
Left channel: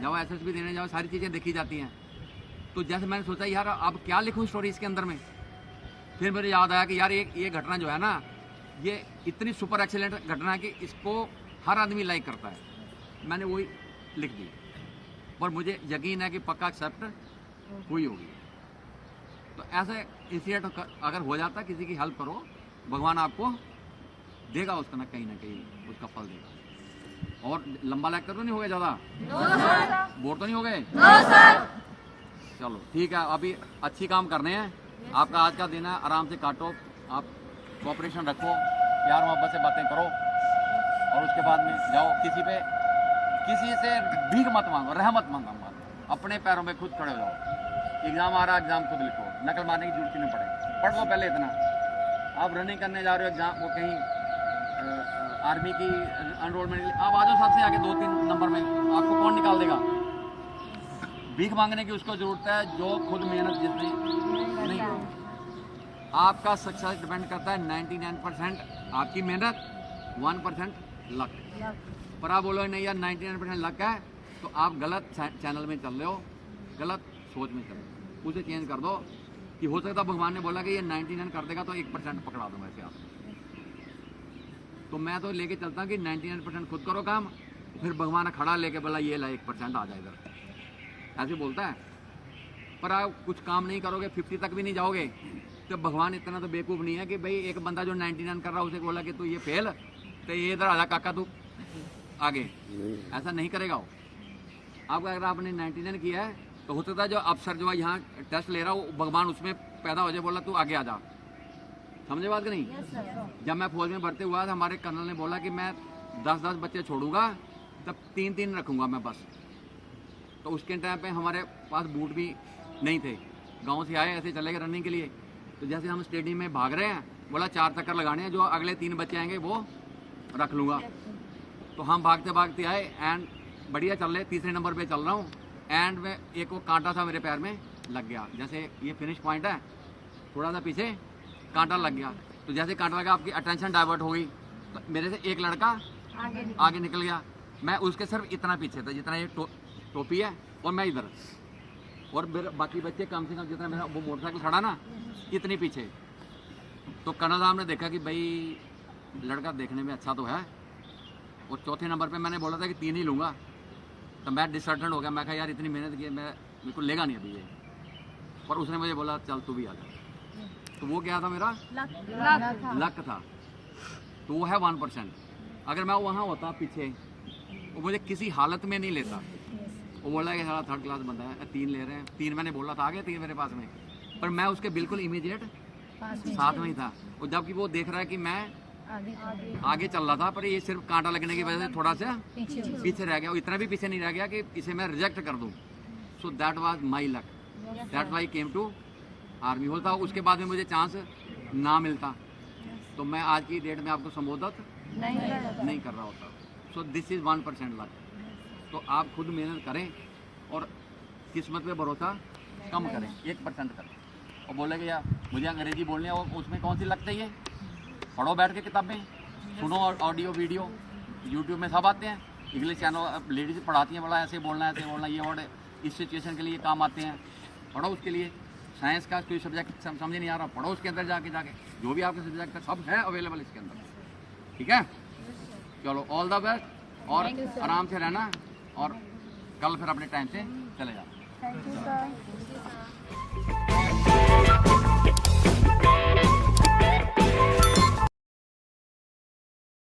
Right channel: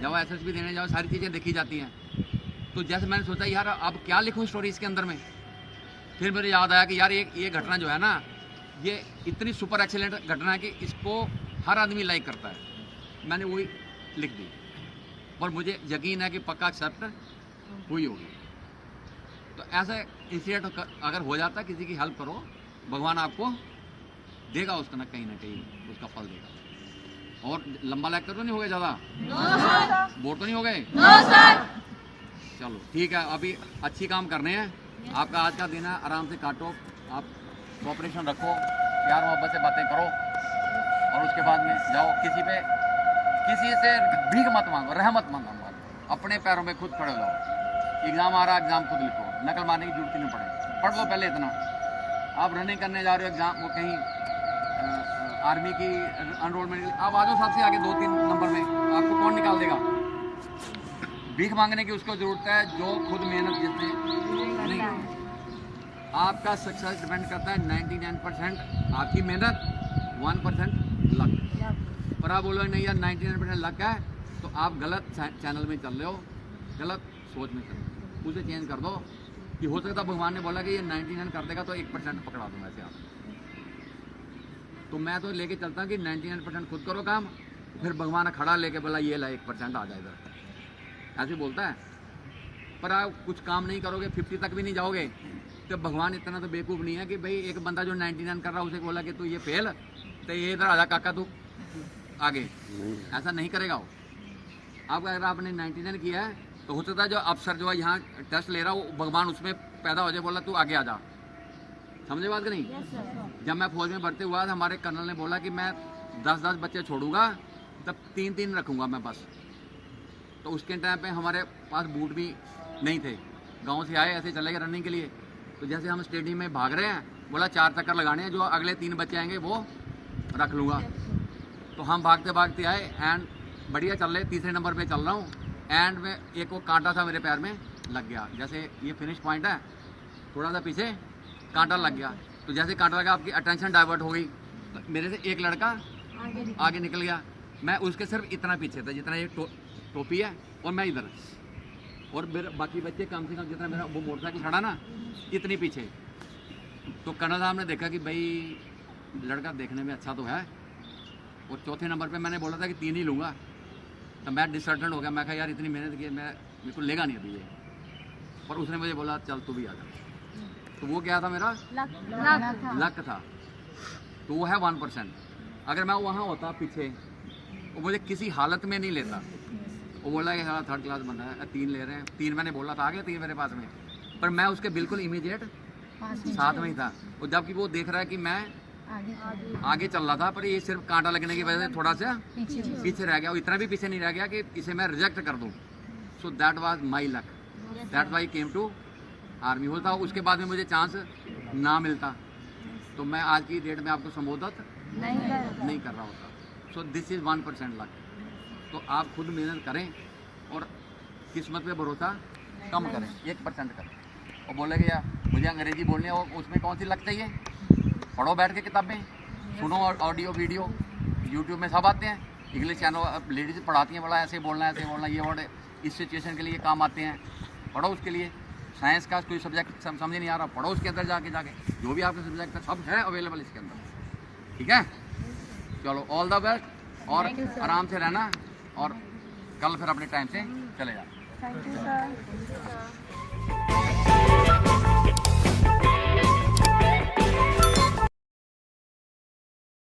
जब एसएसबी देने जाओ सारी चीज़ें देखी जाती हैं। तो जैसे मैंने सोचा यार अब क्या लिखूं स्टोरी इसके अंदर में, फिर मुझे याद आया कि यार ये घटना जो है ना, ये इतनी सुपर एक्सीलेंट घटना है कि इसको हर आदमी लाइक करता है। मैंने वही लिख दी और मुझे यकीन है कि पक्का एक्सेप्ट हुई होगी। तो ऐसे इंसिडेंट अगर हो जाता है, किसी की हेल्प करो, भगवान आपको देगा उसका ना कहीं उसका फल देगा। और लंबा लेक्चर तो नहीं हो गया ज़्यादा? बोर तो नहीं हो गए? चलो ठीक है, अभी अच्छी काम करने हैं। आपका आज का दिन है, आराम से काटो, आप कोऑपरेशन रखो, प्यार मोहब्बत से बातें करो, और उसके बाद में जाओ। किसी से भीख मत मांगो, रहमत मांगो, अपने पैरों में खुद खड़े हो जाओ। एग्ज़ाम आ रहा है, एग्ज़ाम खुद लिखो, नकल मारने की जरूरत नहीं पड़ेगी। पढ़ लो पहले इतना। आप रनिंग करने जा रहे हो, एग्ज़ाम वो कहीं आर्मी की एनरोलमेंट, आप आ जाओ सबसे आगे 2-3 नंबर में, आपको कौन निकाल देगा? भीख मांगने की उसको ज़रूरत है जो खुद मेहनत जिसने नहीं की। आपका सक्सेस डिपेंड करता है 99% आपकी मेहनत, 1% लक। पर आप बोलो नहीं यार 99% लक है, तो आप गलत चैनल में चल रहे हो, गलत सोच में चल रहे हो। उसे चेंज कर दो कि हो सकता भगवान ने बोला कि ये 99 कर देगा तो 1% पकड़ा दूंगा ऐसे आप। तो मैं तो लेके चलता हूँ कि 99% खुद करो काम, फिर भगवान खड़ा लेके बोला ये ला 1% आ जाए इधर, ऐसे बोलता है। पर आप कुछ काम नहीं करोगे, 50 तक भी नहीं जाओगे, तो भगवान इतना तो बेवकूफ़ नहीं है कि भाई एक बंदा जो 99 कर रहा है उसे बोला कि तू ये फेल, तो ये इधर आजा काका तू आगे, ऐसा नहीं करेगा वो। अब अगर आपने 99 किया है तो हो सकता है जो अफसर जो है यहाँ टेस्ट ले रहा हो, भगवान उसमें पैदा हो जाए, बोला तू आगे आ जा। समझे बात कि नहीं? जब मैं फौज में भर्ती हुआ था, हमारे कर्नल ने बोला कि मैं 10-10 बच्चे छोड़ूंगा, तब 3-3 रखूंगा मैं बस। तो उसके टाइम पे हमारे पास बूट भी नहीं थे, गांव से आए ऐसे चले गए रनिंग के लिए। तो जैसे हम स्टेडियम में भाग रहे हैं, बोला 4 चक्कर लगाने हैं, जो अगले 3 बच्चे आएंगे वो रख लूँगा। तो हम भागते भागते आए एंड बढ़िया चल रहे, तीसरे नंबर पे चल रहा हूँ, एंड में एक वो कांटा था मेरे पैर में लग गया। जैसे ये फिनिश पॉइंट है, थोड़ा सा पीछे कांटा लग गया। तो जैसे कांटा लगा, आपकी अटेंशन डाइवर्ट हो गई, तो मेरे से एक लड़का आगे निकल गया। मैं उसके सिर्फ इतना पीछे था जितना ये टोपी है, और मैं इधर। और मेरे बाकी बच्चे कम से कम जितना मेरा वो मोटरसाइकिल खड़ा ना इतनी पीछे। तो कर्नल साहब ने देखा कि भाई लड़का देखने में अच्छा तो है, और चौथे नंबर पे मैंने बोला था कि 3 ही लूँगा, तो मैं डिसर्टेंट हो गया। मैं कहा यार इतनी मेहनत की मेरे को लेगा नहीं अभी ये, पर उसने मुझे बोला चल तू भी आ जा। तो वो क्या था मेरा लक था, तो वो है 1%। अगर मैं वहाँ होता पीछे, वो मुझे किसी हालत में नहीं लेता। वो बोला कि हाँ 3rd क्लास बंदा है, 3 ले रहे हैं, 3 मैंने बोला था, आ गया 3 मेरे पास में, पर मैं उसके बिल्कुल इमीडिएट साथ में ही था। और जबकि वो देख रहा है कि मैं आगे चल रहा था, पर ये सिर्फ कांटा लगने की वजह से थोड़ा सा पीछे रह गया, और इतना भी पीछे नहीं रह गया कि इसे मैं रिजेक्ट कर दूँ। So that was my luck, that why came to army. होता उसके बाद में मुझे चांस ना मिलता तो मैं आज की डेट में आपको संबोधित नहीं कर रहा होता। So this is 1% luck. तो आप खुद मेहनत करें और किस्मत पे भरोसा कम करें, 1% करें। और बोले कि यार मुझे अंग्रेजी बोलनी है, और उसमें कौन सी लक चाहिए? पढ़ो बैठ के किताबें, सुनो ऑडियो वीडियो, यूट्यूब में सब आते हैं। इंग्लिश चैनल लेडीज पढ़ाती हैं, बड़ा ऐसे बोलना ऐसे बोलना, ये वर्ड इस सिचुएशन के लिए काम आते हैं, पढ़ो उसके लिए। साइंस का कोई सब्जेक्ट समझ नहीं आ रहा, पढ़ो उसके अंदर जाके जो भी आपके सब्जेक्ट है सब है अवेलेबल इसके अंदर। ठीक है, चलो ऑल द बेस्ट, और आराम से रहना, और कल फिर अपने टाइम से चले जाना। Thank you sir.